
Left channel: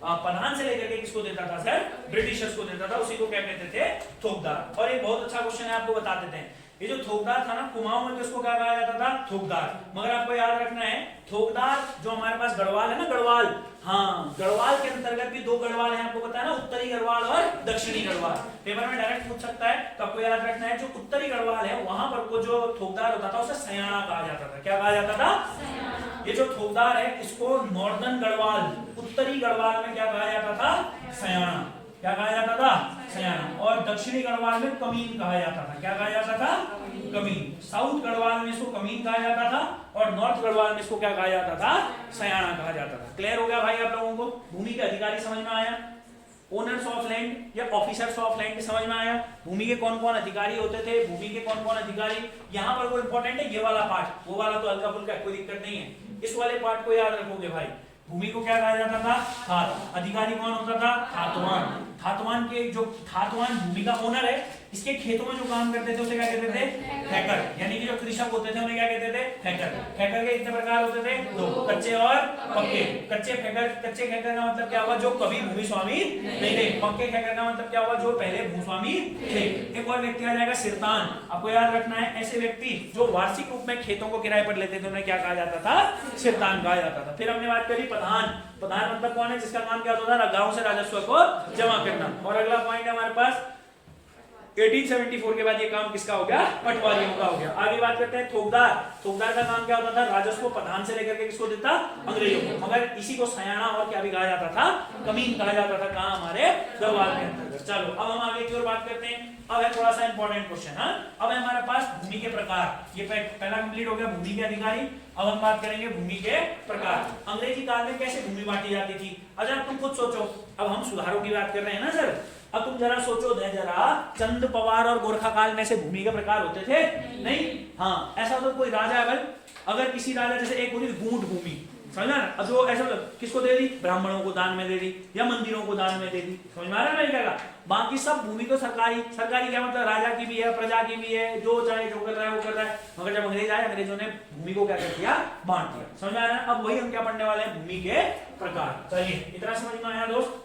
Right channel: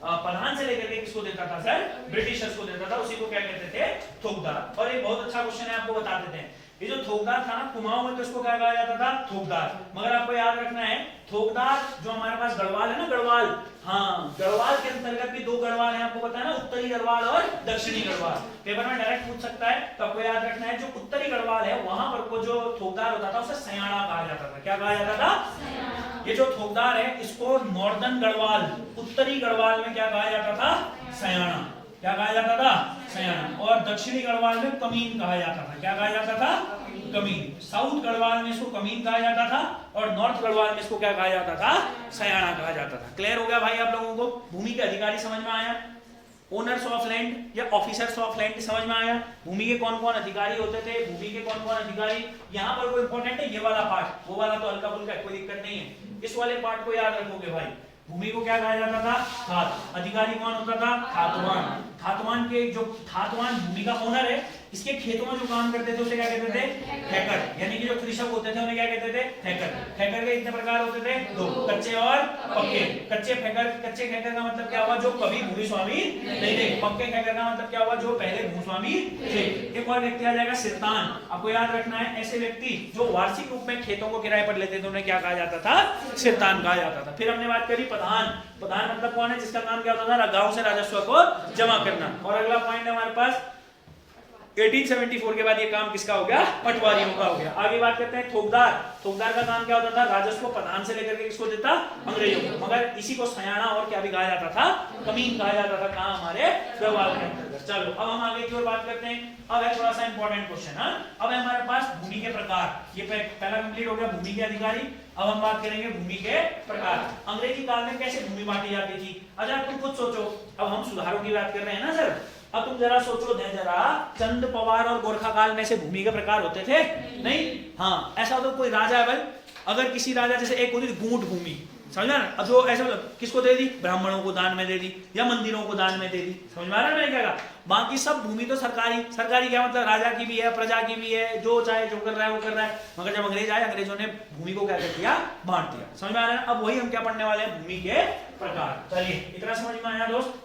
प्रधान से लेकर के किसको देता था सर? ब्रिटिशर्स को देता था। उसी को क्या कहते थे? थोकदार। और ये बहुत अच्छा क्वेश्चन है, आपको बता देते हैं। ये जो थोकदार था ना, कुमाऊं में तो इसको क्या कहा जाता था? थोकदार। मगर आपको याद रखना है, थोकदार जो हमारे पास गढ़वाल है ना, गढ़वाल, हाँ गढ़वाल के अंतर्गत भी दो गढ़वाल है, आपको पता है ना, उत्तरी गढ़वाल और दक्षिणी गढ़वाल। पेपर में डायरेक्ट पूछ सकता है, तो आपको याद रखना है जो उत्तरी गढ़वाल है वहां पर को जो थोकदार होता था उसे सयाना कहा जाता था। क्या कहा जाता था? ये जो थोकदार है इसको नॉर्दर्न गढ़वाल, उत्तरी गढ़वाल में क्या कहा जाता था? सयाना। क्या कहा जाता था? सयाना। और दक्षिणी गढ़वाल में कमीन कहा जाता था। क्या कहा जाता था? कमीन। साउथ गढ़वाल में इसको कमीन कहा जाता था और नॉर्थ गढ़वाल में इसको क्या कहा जाता था? सयाना कहा जाता था। क्लियर हो गया भाई आप लोगों को? भूमि के अधिकारी समझ में आया? ओनर्स ऑफ लैंड या ऑफिसर्स ऑफ लैंड समझ में आया? भूमि के कौन कौन अधिकारी होते थे? भूमि के कौन कौन अधिकारी? यहाँ पर वो इंपॉर्टेंट है, ये वाला पार्ट। वो वाला तो हल्का फुल्का, कोई दिक्कत नहीं है। इस वाले पार्ट को याद रखोगे भाई। भूमि को क्या कहा जाता था? खात। अधिकारी कौन होता था? खातवान। खातवान के जो खातवान भूमि का ओनर है, इसके खेतों में जो काम करते थे उसे क्या कहते थे? हैकर। यानी कि जो कृषक होते थे उन्हें क्या कहते थे? हैकर। हैकर के कितने प्रकार होते थे? दो, कच्चे और पक्के। कच्चे हैकर का मतलब क्या हुआ? जो कभी भूमि स्वामी नहीं थे। पक्के हैकर का मतलब क्या हुआ? जो पहले भूस्वामी थे। एक और व्यक्ति आ जाएगा सिरतान। आपको याद रखना है, ऐसे व्यक्ति जो वार्षिक रूप में खेतों को किराए पर लेते थे उन्हें क्या कहा जाता था? सिरतान कहा जाता था। फिर हमने बात करी प्रधान। प्रधान मतलब कौन है? जिसका काम क्या होता था? गांव से राजस्व को जमा करना। और अगला पॉइंट है हमारे पास 1874 के बाद ये काम किसका हो गया? पटवारियों का हो गया। आगे बात करते हैं थोकदार। थोकदार का काम क्या होता था? राजस्व प्रधान से लेकर के किसको देता? अंग्रेजों को। मगर इसी को सयाना और क्या भी कहा जाता था? कमीन कहा जाता था। कहां? हमारे गढ़वाल के अंतर्गत। चलो अब हम आगे की ओर बात करते हैं। अब है थोड़ा सा इंपॉर्टेंट क्वेश्चन। अब है हमारे पास भूमि के प्रकार। ये तो पहला कंप्लीट हो गया, भूमि के अधिकारी। अब हम बात करेंगे भूमि के प्रकार। अंग्रेजी काल में कैसे भूमि बांटी जाती थी? अच्छा तुम खुद सोचो, अब हम सुधारों की बात कर रहे हैं ना सर, अब तुम जरा सोचो दे जरा, चंद पवार और गोरखा काल में से भूमि के प्रकार होते थे? नहीं। हाँ ऐसा होता कोई राजा है भाई, अगर किसी राजा जैसे एक होती गूंठ भूमि, समझा ना? अब जो ऐसा किसको दे दी? ब्राह्मणों को दान में दे दी या मंदिरों को दान में दे दी। समझ में आ रहा है ना क्या? बाकी सब भूमि तो सरकारी। सरकारी क्या मतलब? राजा की भी है, प्रजा की भी है, जो चाहे जो कर रहा है वो कर रहा है। मगर जब अंग्रेज आए, अंग्रेजों ने भूमि को क्या कर दिया? बांट दिया। समझ में आ रहा है? अब वही हम क्या पढ़ने वाले हैं? भूमि के प्रकार। चलिए इतना समझ में आया दोस्त?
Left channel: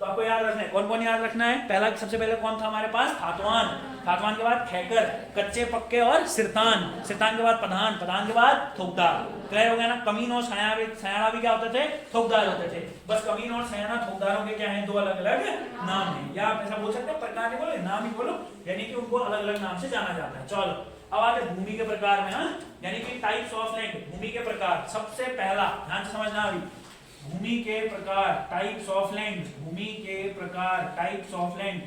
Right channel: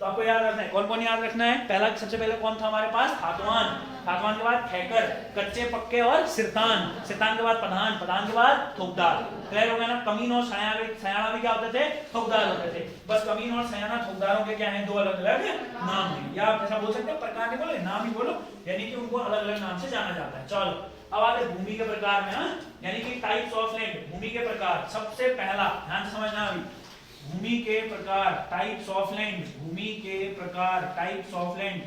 तो आपको याद रखना है, कौन कौन याद रखना है? पहला सबसे पहले कौन था हमारे पास? खातवान। खातवान के बाद खैकर, कच्चे पक्के और सिरतान। सिरतान के बाद प्रधान। प्रधान के बाद थोकदार। क्लियर हो गया ना? कमीन और सयाना भी क्या होते थे? थोकदार होते थे। बस कमीन और सयाना थोकदारों के क्या है? दो अलग अलग नाम है। या आप ऐसा बोल सकते हो, प्रकार नहीं बोलो, नाम ही बोलो, यानी कि उनको अलग अलग नाम से जाना जाता है। चलो अब आते भूमि के प्रकार में। यानी कि टाइप्स ऑफ लैंड। भूमि के प्रकार सबसे पहला ध्यान से समझना अभी। भूमि के प्रकार, टाइप्स ऑफ लैंड। भूमि के प्रकार, टाइप्स ऑफ लैंड।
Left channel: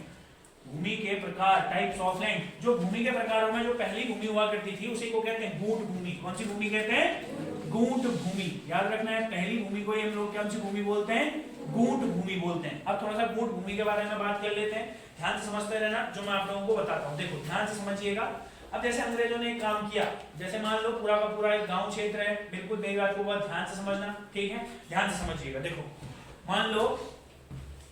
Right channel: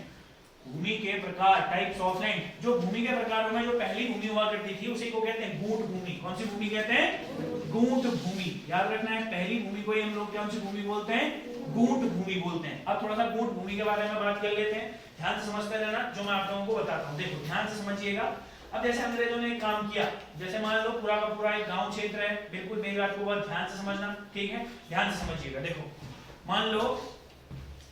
भूमि के प्रकार, टाइप्स ऑफ लैंड। जो भूमि के प्रकारों में जो पहली भूमि हुआ करती थी उसी को कहते हैं गूंठ भूमि। कौन सी भूमि कहते हैं? गूंठ भूमि। याद रखना है, पहली भूमि को हम लोग कौन सी भूमि बोलते हैं? गूंठ भूमि बोलते हैं। अब थोड़ा सा गूंठ भूमि के बारे में बात कर लेते हैं। ध्यान से समझते रहना जो मैं आप लोगों को बताता हूँ। देखो ध्यान से समझिएगा। अब जैसे अंग्रेजों ने एक काम किया, जैसे मान लो पूरा का पूरा एक गांव क्षेत्र है, बिल्कुल मेरी बात को बहुत ध्यान से समझना, ठीक है? ध्यान से समझिएगा। देखो मान लो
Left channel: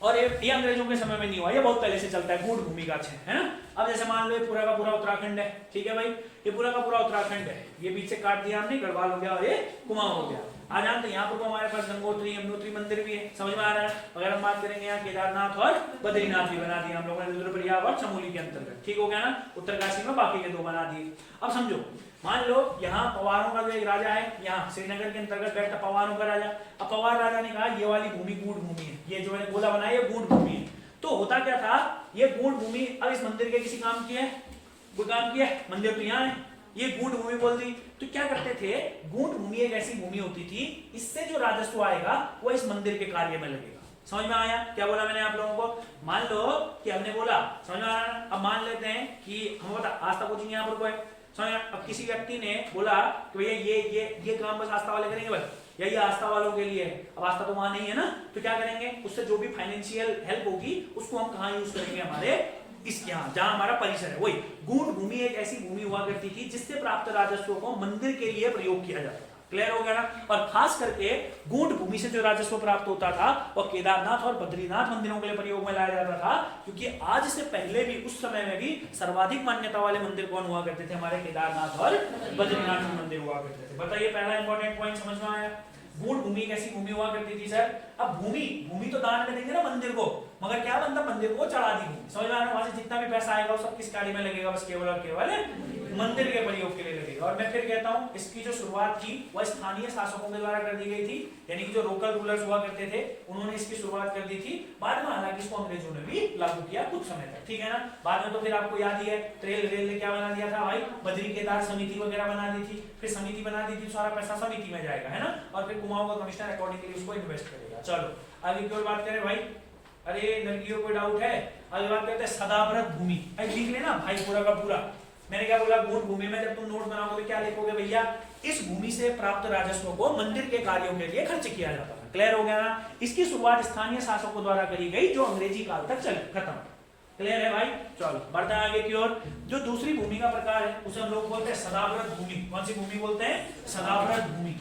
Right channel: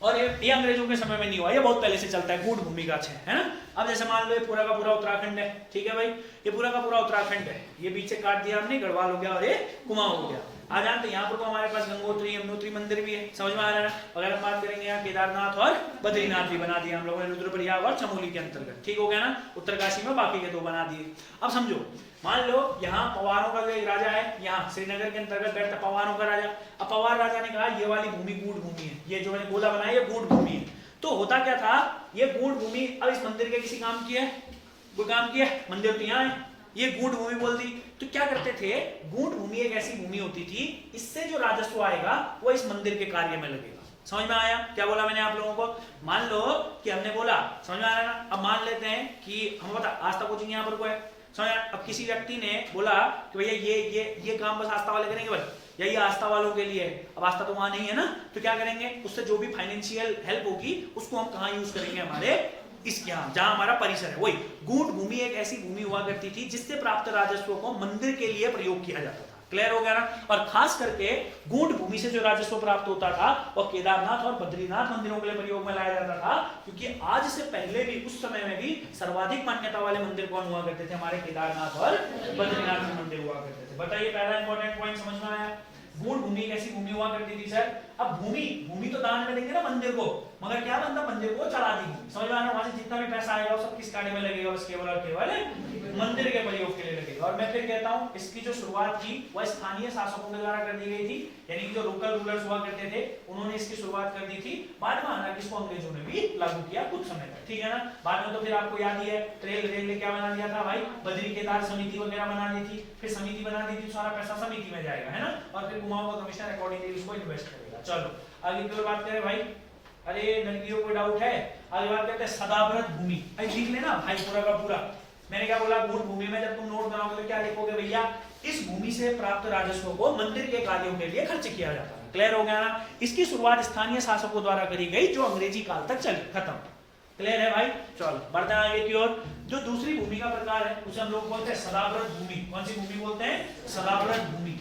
और ये अंग्रेजों के समय में नहीं हुआ, ये बहुत पहले से चलता है, गूढ़ भूमि का है ना। अब जैसे मान लो ये पूरा का पूरा उत्तराखंड है, ठीक है भाई, ये पूरा का पूरा उत्तराखंड है, ये बीच से काट दिया हमने, गढ़वाल हो गया और ये कुमाऊं हो गया। आ जानते यहाँ पर तो हमारे पास गंगोत्री यमुनोत्री मंदिर भी है, समझ में आ रहा है। अगर हम बात करेंगे यहाँ केदारनाथ और बद्रीनाथ भी बना दिया हम लोगों ने रुद्रप्रयाग और चमोली के अंतर्गत, ठीक हो गया ना। उत्तरकाशी में बाकी के 2 बना दिए। अब समझो, मान लो यहाँ पवारों का जो एक राजा है, यहाँ श्रीनगर के अंतर्गत बैठता पवारों का राजा। अब पवार राजा ने कहा ये वाली भूमि गूढ़ भूमि है, ये जो मैंने गोला बनाया ये गूढ़ भूमि है। तो होता क्या था, ये गूढ़ भूमि अब इस मंदिर के किसी काम की है, कोई काम किया, मंदिर तो यहाँ है, ये गूढ़ भूमि बोल दी। तो क्या करते थे, गूढ़ भूमि एक ऐसी भूमि होती थी, इससे जो राजस्व आएगा वो इस मंदिर के कार्य में लगेगा। समझ में आया क्या बोला मैंने आप लोगों को? मान लो कि हमने बोला, समझ में आ रहा है। अब मान लेते हैं कि हम बता आस्था कोचिंग यहाँ पर कोई है, समझ। अब किसी व्यक्ति ने बोला कि भैया ये काम बस आस्था वाले करेंगे बस, या ये आस्था वालों के लिए है। अब आस्था तो वहां नहीं है ना, तो क्या करेंगे, उससे जो भी फाइनेंशियल हेल्प होगी उसको हम कहाँ यूज करेंगे, हमारे इसके यहाँ जहां हमारा परिसर है। वही गूढ़ भूमि एक ऐसी भूमि हुआ करती थी जिससे प्राप्त राजस्व को मंदिर के लिए प्रयोग किया जाता था। क्लियर हो गया ना। और खास करके गूढ़ भूमि से जो राजस्व प्राप्त होता था वो केदारनाथ और बद्रीनाथ मंदिरों के लिए प्रयोग में लाया जाता था, क्योंकि आज से पहले भी उस समय में भी सर्वाधिक मान्यता वाले मंदिर कौन हुआ करते थे, हमारे केदारनाथ और बद्रीनाथ मंदिर हुआ करते थे। बताइए पहला इंपॉर्टेंट पॉइंट समझ में आया। गूढ़ भूमि कैसी भूमि हुआ करती थी सर? अब भूमि तो दान में देंगे ना मंदिर को, मगर क्या बनता, मंदिर को चढ़ा दी भूमि। समझ में आ रहा है? वहां से जितना भी पैसा आएगा वो सब किस कार्य में लगेगा, बस केवल और केवल मंदिर के प्रयोग के लिए लगेगा। और मैं फिर कहता हूं इसकी जो शुरुआत थी वह स्थानीय शासकों के द्वारा कर दी गई थी, यानी कि जो लोकल रूलर्स हुआ करते थे उन्होंने इसकी शुरुआत कर दी थी। बाद में हालांकि इसको अंग्रेजों ने भी लागू किया कुछ समय तक, ठीक है ना। बाद में तो फिर आपको याद ही है ट्रेल रेल ने क्या बना दिया था भाई, बद्री केदार समिति वगैरह बना दी थी, फिर समिति बना दी थी, सारा पैसा समिति में जाएगा, है ना। और फिर कुमाऊं का कमिश्नर अकॉर्डिंगली उसको इन्वेस्ट करेगा। चलो आगे की ओर बात करें भाई। अरे लड़कियों को डाउट है, आगे बात करते हैं सदाव्रत भूमि। लिख लेना भाई पूरा का पूरा। मैंने क्या बोला, गूढ़ भूमि में जब तुम नोट बनाओगे तो क्या लिखोगे भैया, इस भूमि से प्राप्त राजस्व को मंदिर के कार्यों के लिए खर्च किया जाता है। क्लियर हो गया ना। इसकी शुरुआत स्थानीय शासकों द्वारा करी गई जो अंग्रेजी काल तक चली, खत्म। क्लियर है भाई। चलो बढ़ते हैं आगे की ओर। जो दूसरी भूमि का प्रकार है उसे हम लोग बोलते हैं सदाव्रत भूमि। कौन सी भूमि बोलते हैं? सदाव्रत भूमि।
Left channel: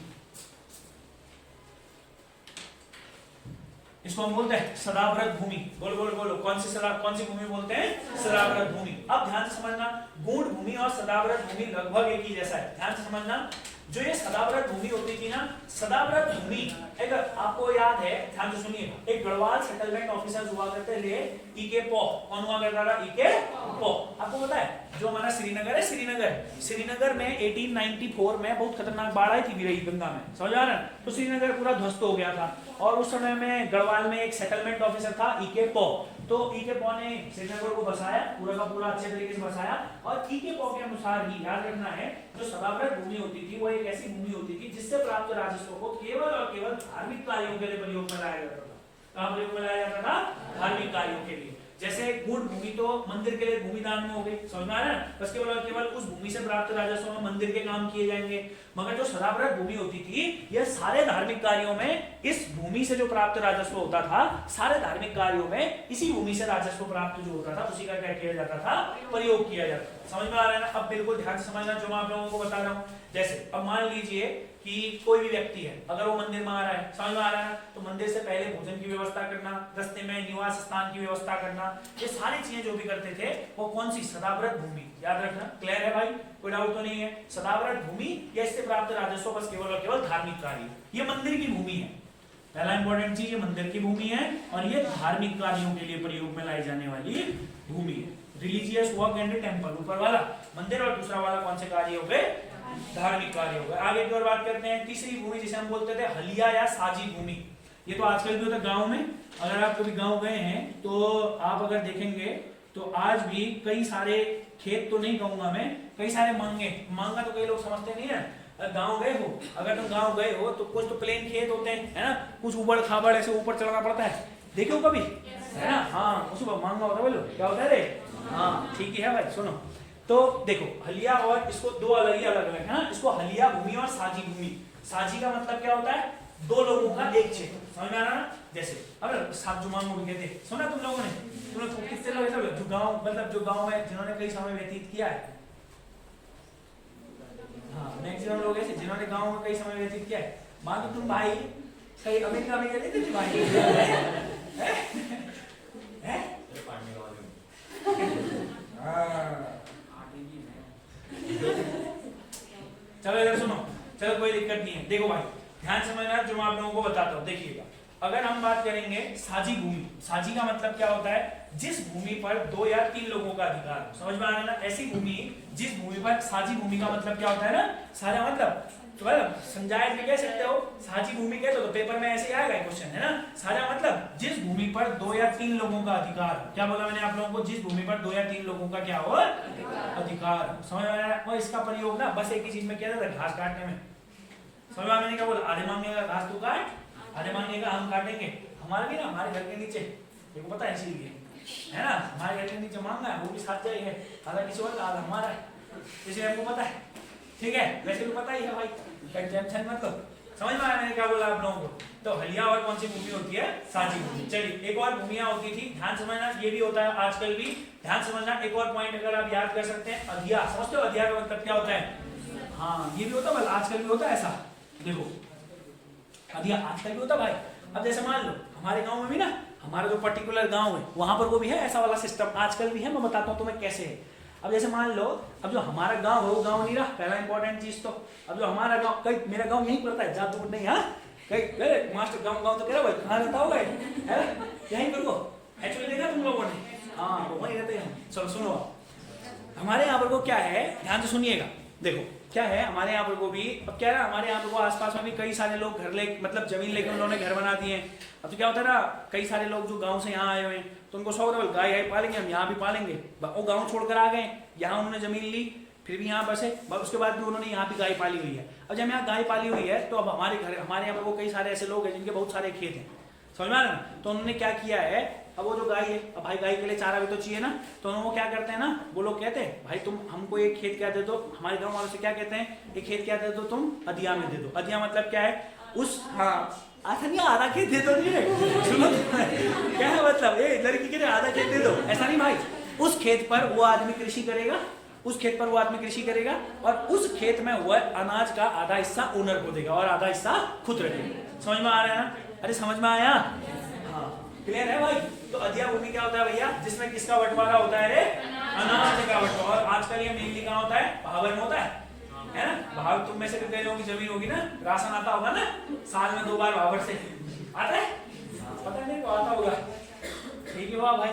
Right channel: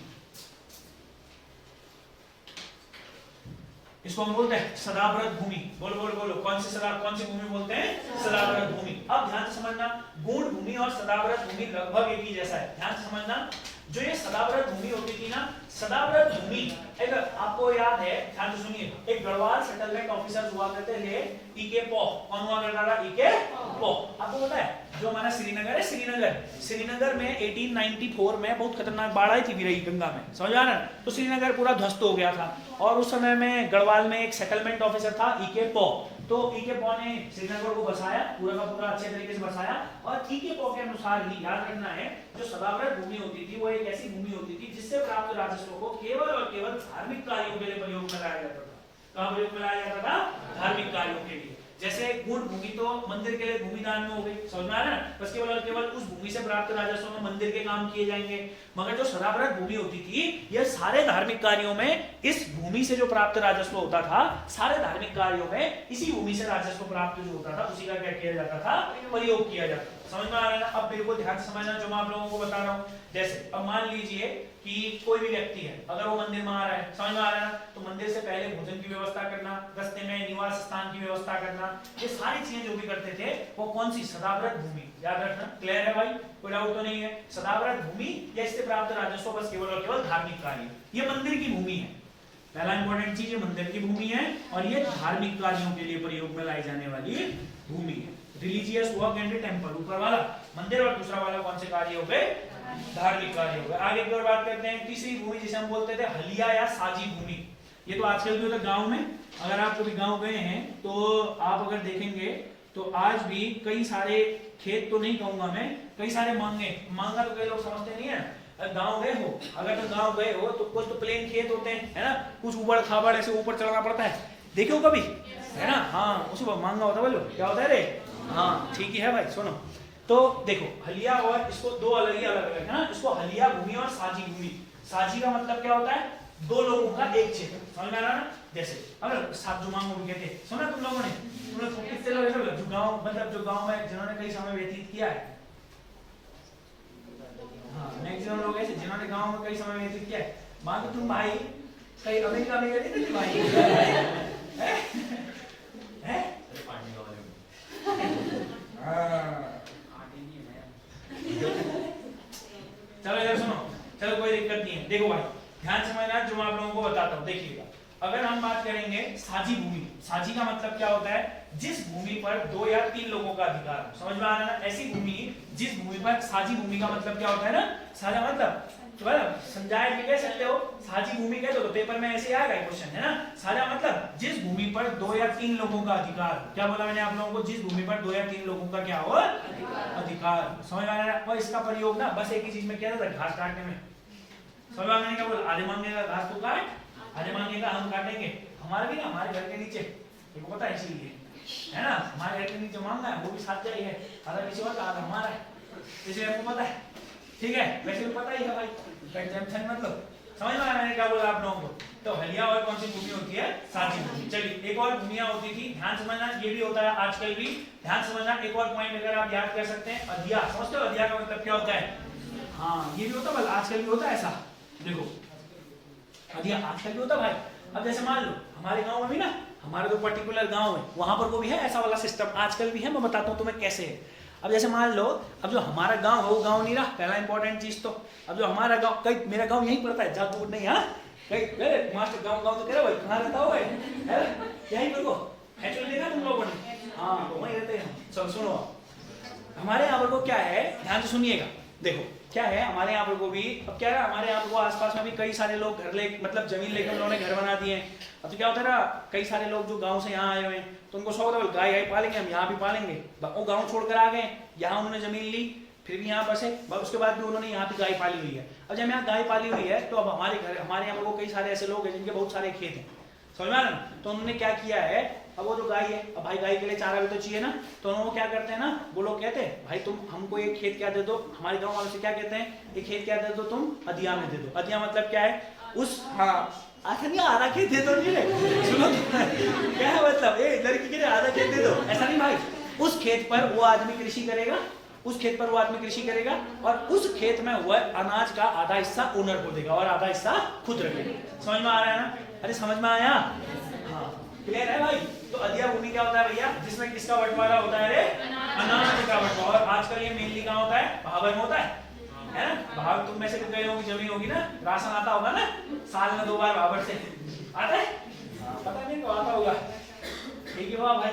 इसको हम बोलते हैं सदाव्रत भूमि। बोलो बोलो बोलो, कौन सी भूमि बोलते हैं? सदाव्रत भूमि। अब ध्यान से समझना, गूढ़ भूमि और सदाव्रत भूमि लगभग एक ही जैसा है। ध्यान से समझना, जो ये सदाव्रत भूमि होती थी ना, सदाव्रत भूमि अगर आपको याद है, ध्यान से सुनिए, एक गढ़वाल सेटलमेंट ऑफिसर हुआ करते थे ईके पॉ। कौन हुआ करता था? ईके पॉ। आपको पता है जो हमारा श्रीनगर है, श्रीनगर में 1894 में बहुत खतरनाक बाढ़ आई थी गिरई गंगा में, समझ आ रहा है। तो श्रीनगर पूरा ध्वस्त हो गया था और उस समय में गढ़वाल में एक सेटलमेंट ऑफिसर था ईके पॉ। तो ईके पॉ ने श्रीनगर को बसाया, पूरा का पूरा अच्छे तरीके से बसाया। और ईके पॉ के अनुसार ही याद रखना है, जो सदाव्रत भूमि होती थी वो एक ऐसी भूमि होती थी जिससे प्राप्त राजस्व को केवल और केवल धार्मिक कार्यों के लिए प्रयोग में लाया जाता था। कहां प्रयोग में लाया जाता था? धार्मिक कार्यों के लिए। जैसे गूढ़ भूमि तो मंदिर के लिए भूमि दान में हो गई, समझ में आ रहा है। बस केवल और केवल उस भूमि से प्राप्त राजस्व में मंदिर के काम किए जाएंगे। मगर जो सदाव्रत भूमि होती थी, यह सारे धार्मिक कार्यों में इस भूमि से जो प्राप्त राजस्व होता था, सारे धार्मिक कार्यों में इसी भूमि से राजस्व प्राप्त जो होता था उसी का क्या किया जाता था? प्रयोग किया जाता था। समझ में आ रहा है ना। अब बिल्कुल ध्यान से समझना जो मैं आप लोगों को बता रहा हूँ। जैसे अब मान लीजिए कि कोई भी व्यक्ति है, अगर वो मंदिर में आ रहा है, समझ में आ रहा है ना, तो मंदिर से पहले भोजन की व्यवस्था करना, रास्ते में निवास स्थान की व्यवस्था करना, ये सारी चीजें जो भी करते थे वो कौन सी? सदाव्रत भूमि। याद रखना। क्लियर है भाई, कोई डाउट तो नहीं है। सदाव्रत भूमि या इससे प्राप्त राजस्व बस केवल और केवल धार्मिक कार्य, ये मंदिर की भूमि है। पहला इंपॉर्टेंट चीज, ये मंदिर की भूमि है और ये धार्मिक कार्यों के लिए प्रयोग में लाई जाने वाली भूमि है। रिलीजियस वर्क एंड टेम्पल ऊपर वाला मंदिर, और दूसरा वाला कौन से कार्य हो गए? धार्मिक कार्य हो गए। आगे की ओर बात करते हैं तीसरी भूमि जिसे हम बोलते थे हलिया या साजी भूमि। ये तो आजकल भी होता है गांव में। अगर आप कभी गांव गए हैं तो आप अगर देखेंगे तो आज भी कई सारे खेत, तो नहीं कहूंगा मैं, कई सारे मांगा तो कई लोग समझते नहीं है। गांव गए हो, अगर तुम गांव गए हो तो कुछ तो प्लेन खेत होते हैं, है ना, कुछ उबड़ खाबड़ ऐसे ऊपर चढ़ना पड़ता है, देखे हो कभी, है ना। हाँ, उसको मांगा होता है, बोलो क्या होता है रे? हाँ ठीक ही है भाई। सुनो तो देखो, हलिया और इसको दो अलग है ना। इसको हलिया भूमि और साजी भूमि। साजी का मतलब क्या होता है? दो लोगों का एक क्षेत्र। समझ में आ रहा ना। जैसे अगर सात जुमाओं को कहते हैं, सुना तुम लोगों ने? तुम लोग कितने लोग ऐसे जो गांव, मतलब जो गांव में जिन्होंने कई समय व्यतीत किया है। हाँ, मैक्सिमम लोग ऐसे जिन्होंने गांव में कई समय व्यतीत किया है। मान लो तुम भाई कहीं अमेरिका में गए थे भाई चलो इधर सुनो, चलो कोई दिक्कत नहीं है। देखो भाई ध्यान से समझना, जो मैं आप लोगों को बताता हूँ। देखिएगा, अगर हम बात करेंगे साझी भूमि, साझी का मतलब क्या होता है? जिस भूमि पर 2 या 3 लोगों का अधिकार है। समझ में आ रहा है ना? ऐसी भूमि, जिस भूमि पर, साझी भूमि का मतलब क्या होता है ना? साझा मतलब तो संजायत भी कह सकते हो, साझी भूमि कह दो तो पेपर में ऐसे आएगा क्वेश्चन, है ना? साझा मतलब जिस भूमि पर 2 या 3 लोगों का अधिकार। क्या बोला मैंने आप लोगों को? जिस भूमि पर 2 या 3 लोगों का क्या हो? अधिकार। समझ में आ रहा है? और इसका प्रयोग ना बस एक ही चीज में किया था, घास काटने में। समझ में मैंने क्या बोला? आधे मांगने का घास तू काट, आधे मांगने का हम काटेंगे। हमारा भी ना, हमारे घर के नीचे, देखो पता है, इसीलिए है ना, हमारे घर के नीचे मांगा है, वो भी साथ जाई है, आधा किसी और का आधा हमारा है, इसलिए आपको पता है। ठीक है, वैसे भी पता ही है भाई, कंजम्पशन मतलब। समझ में आया मैंने क्या बोला आप लोगों को? तो हलिया और कौन सी भूमि होती है? साझी भूमि। चलिए, एक और भूमियां होती थी, ध्यान समझना, ये भी होता है आजकल भी, ध्यान समझना। एक और पॉइंट अगर आप याद कर सकते हैं, अधिया। समझते हो अधिया का मतलब क्या होता है? हाँ, ये भी होता है, आजकल भी होता है ऐसा। देखो अधिया आजकल भी होता है भाई। अब जैसे मान लो हमारे गांव में भी ना, हमारे जो पर्टिकुलर गांव है वहां पर वो भी है ऐसा वाला सिस्टम, आजकल भी है। मैं बताता हूँ तुम्हें कैसे है। अब जैसे मान लो, अब जो हमारा गांव है वो गांव नहीं रहा, पहला इंपॉर्टेंट चीज तो। अब जो हमारा गांव, कहीं मेरा गांव यहीं पड़ता है, ज्यादा दूर नहीं। हाँ, कहीं मास्टर गांव तो कह रहे हो कहाँ रहता हो? यहीं करो, एक्चुअली देखा तुम लोगों ने? हाँ, तो वहीं रहते हैं। चलो सुनो, हमारे यहाँ पर को क्या है, ध्यान से सुनिएगा। देखो क्या है हमारे यहाँ पर को भी, अब क्या है हमारे यहाँ पर को आसपास में भी कई सारे लोग घर ले, मतलब जमीन लेकर उन्होंने घर बना दिए हैं। अब तो क्या होता है ना, कई सारे लोग जो गांव से यहाँ आए हुए हैं, तो उनको सौ गाय आई पालेंगे, हम यहाँ भी पालेंगे। वो गांव छोड़कर आ गए, यहाँ उन्होंने जमीन ली, फिर भी यहाँ बसे, उसके बाद भी उन्होंने यहाँ भी गाय पाली हुई है। अब जब यहाँ गाय पाली हुई है, तो अब हमारे घर, हमारे यहाँ पर वो कई सारे ऐसे लोग हैं जिनके बहुत सारे खेत हैं। समझ में आ रहा है? तो उन्होंने क्या किया है, अब वो जो गाय है, अब भाई गाय के लिए चारा भी तो चाहिए ना, तो उन्होंने क्या करते हैं ना, वो लोग कहते हैं भाई तुम हमको एक खेत क्या दे दो। हमारे गांव वालों से क्या कहते हैं, एक खेत क्या दे दो तुम, अधिया में दे दो। अधिया मतलब क्या है? उस, हाँ, आधा नहीं, आधा खेत दे दो। सुनो क्या है मतलब, लड़की के लिए आधा खेत दे दो, ऐसा नहीं भाई। उस खेत पर वो आदमी कृषि करेगा, उस खेत पर वो आदमी कृषि करेगा, और उस खेत में हुआ अनाज का आधा हिस्सा ओनर को देगा और आधा हिस्सा खुद रखेगा। समझ में आ रहा है ना? अरे समझ में आया? क्लियर है भाई? तो अधिया भूमि क्या होता है भैया? जिसमें किसका बंटवारा होता है? रे अनाज का बंटवारा। और आजकल ये मेनली कहाँ होता है? भावर में होता है ना? भाव तुम में से भी गए होगी, जमीन होगी ना, राशन आता होगा ना, साल में 2 बार भावर से आता है, पता नहीं को आता होगा। ठीक है वाह भाई,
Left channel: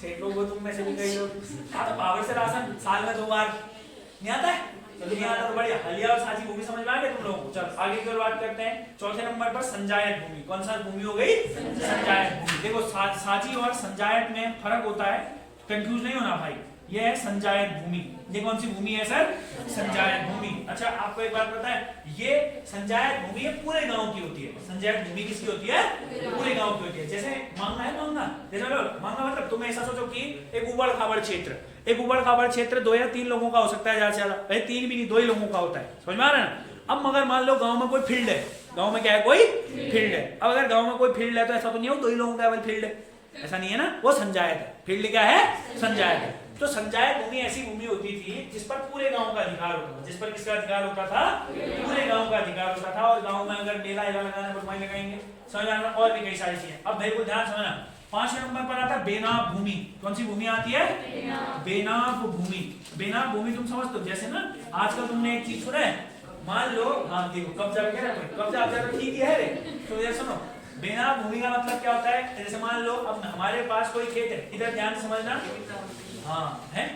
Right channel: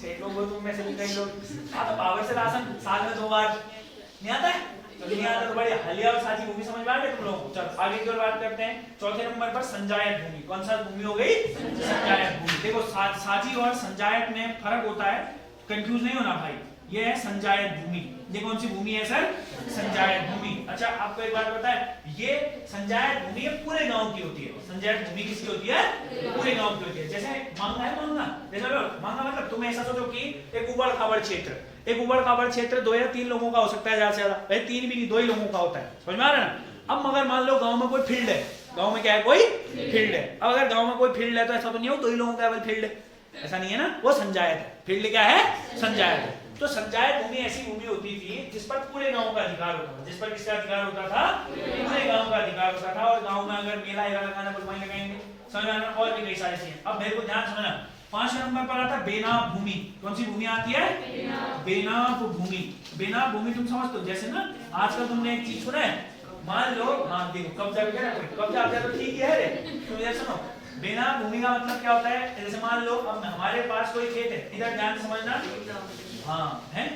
सेठ लोग हो तुम में से भी कई लोग, हाँ, तो भावर से राशन साल में 2 बार नहीं आता है? नहीं आता तो बड़े हलिया और साझी भूमि समझ में आ गए तुम लोगों को। चलो आगे की ओर बात करते हैं। चौथे नंबर पर संजायत भूमि। कौन सा भूमि हो गई? संजायत भूमि। देखो साझी और संजायत में फर्क होता है, कंफ्यूज नहीं होना भाई। ये है संजायत भूमि। ये कौन सी भूमि है सर? संजायत भूमि। अच्छा आपको एक बात पता है, ये संजायत भूमि पूरे गांव की होती है। संजायत भूमि किसकी होती है? पूरे गांव की होती है। जैसे मांगना है, मांगना जैसे मांगना मतलब तुम ऐसा सोचो कि एक उबड़ खाबड़ क्षेत्र, एक उबड़ खाबड़ क्षेत्र 2 या 3 लोगों का हो सकता है, ज्यादा से ज्यादा भाई 3 भी नहीं, 2 ही लोगों का होता है। समझ में आ रहा है ना? अब मगर मान लो गांव में कोई फील्ड है, गांव में क्या है? कोई फील्ड है। अब अगर गांव में कोई फील्ड है तो ऐसा तो नहीं हो 2 ही लोगों का फील्ड है, ऐसा नहीं है ना, वो संजायत है। फील्ड क्या है? संजायत है। तो संजायत भूमि ऐसी भूमि होती थी जिस पर पूरे गांव का अधिकार होता था। जिस पर किसका अधिकार होता था? पूरे गांव का अधिकार होता था। और गांव में अगर मेला लगाना तो वहीं लगाएंगे। समझ में? और भी कई सारी चीजें। अब देखो ध्यान समझना, 5वें नंबर पर आता है बेनाम भूमि। कौन सी भूमि आती है? बेनाम भूमि। बेनाम भूमि तुम समझते हो, जैसे ना आजकल तुमने एक चीज सुना है, मान लो, हाँ देखो कब्जा वगैरह, कब्जा आप तो ठीक ही है, तो सुनो बेनाम भूमि का मतलब क्या होता है? जैसे मान लो अब हमारे पास कोई खेत है, इधर ध्यान से समझना, हाँ है,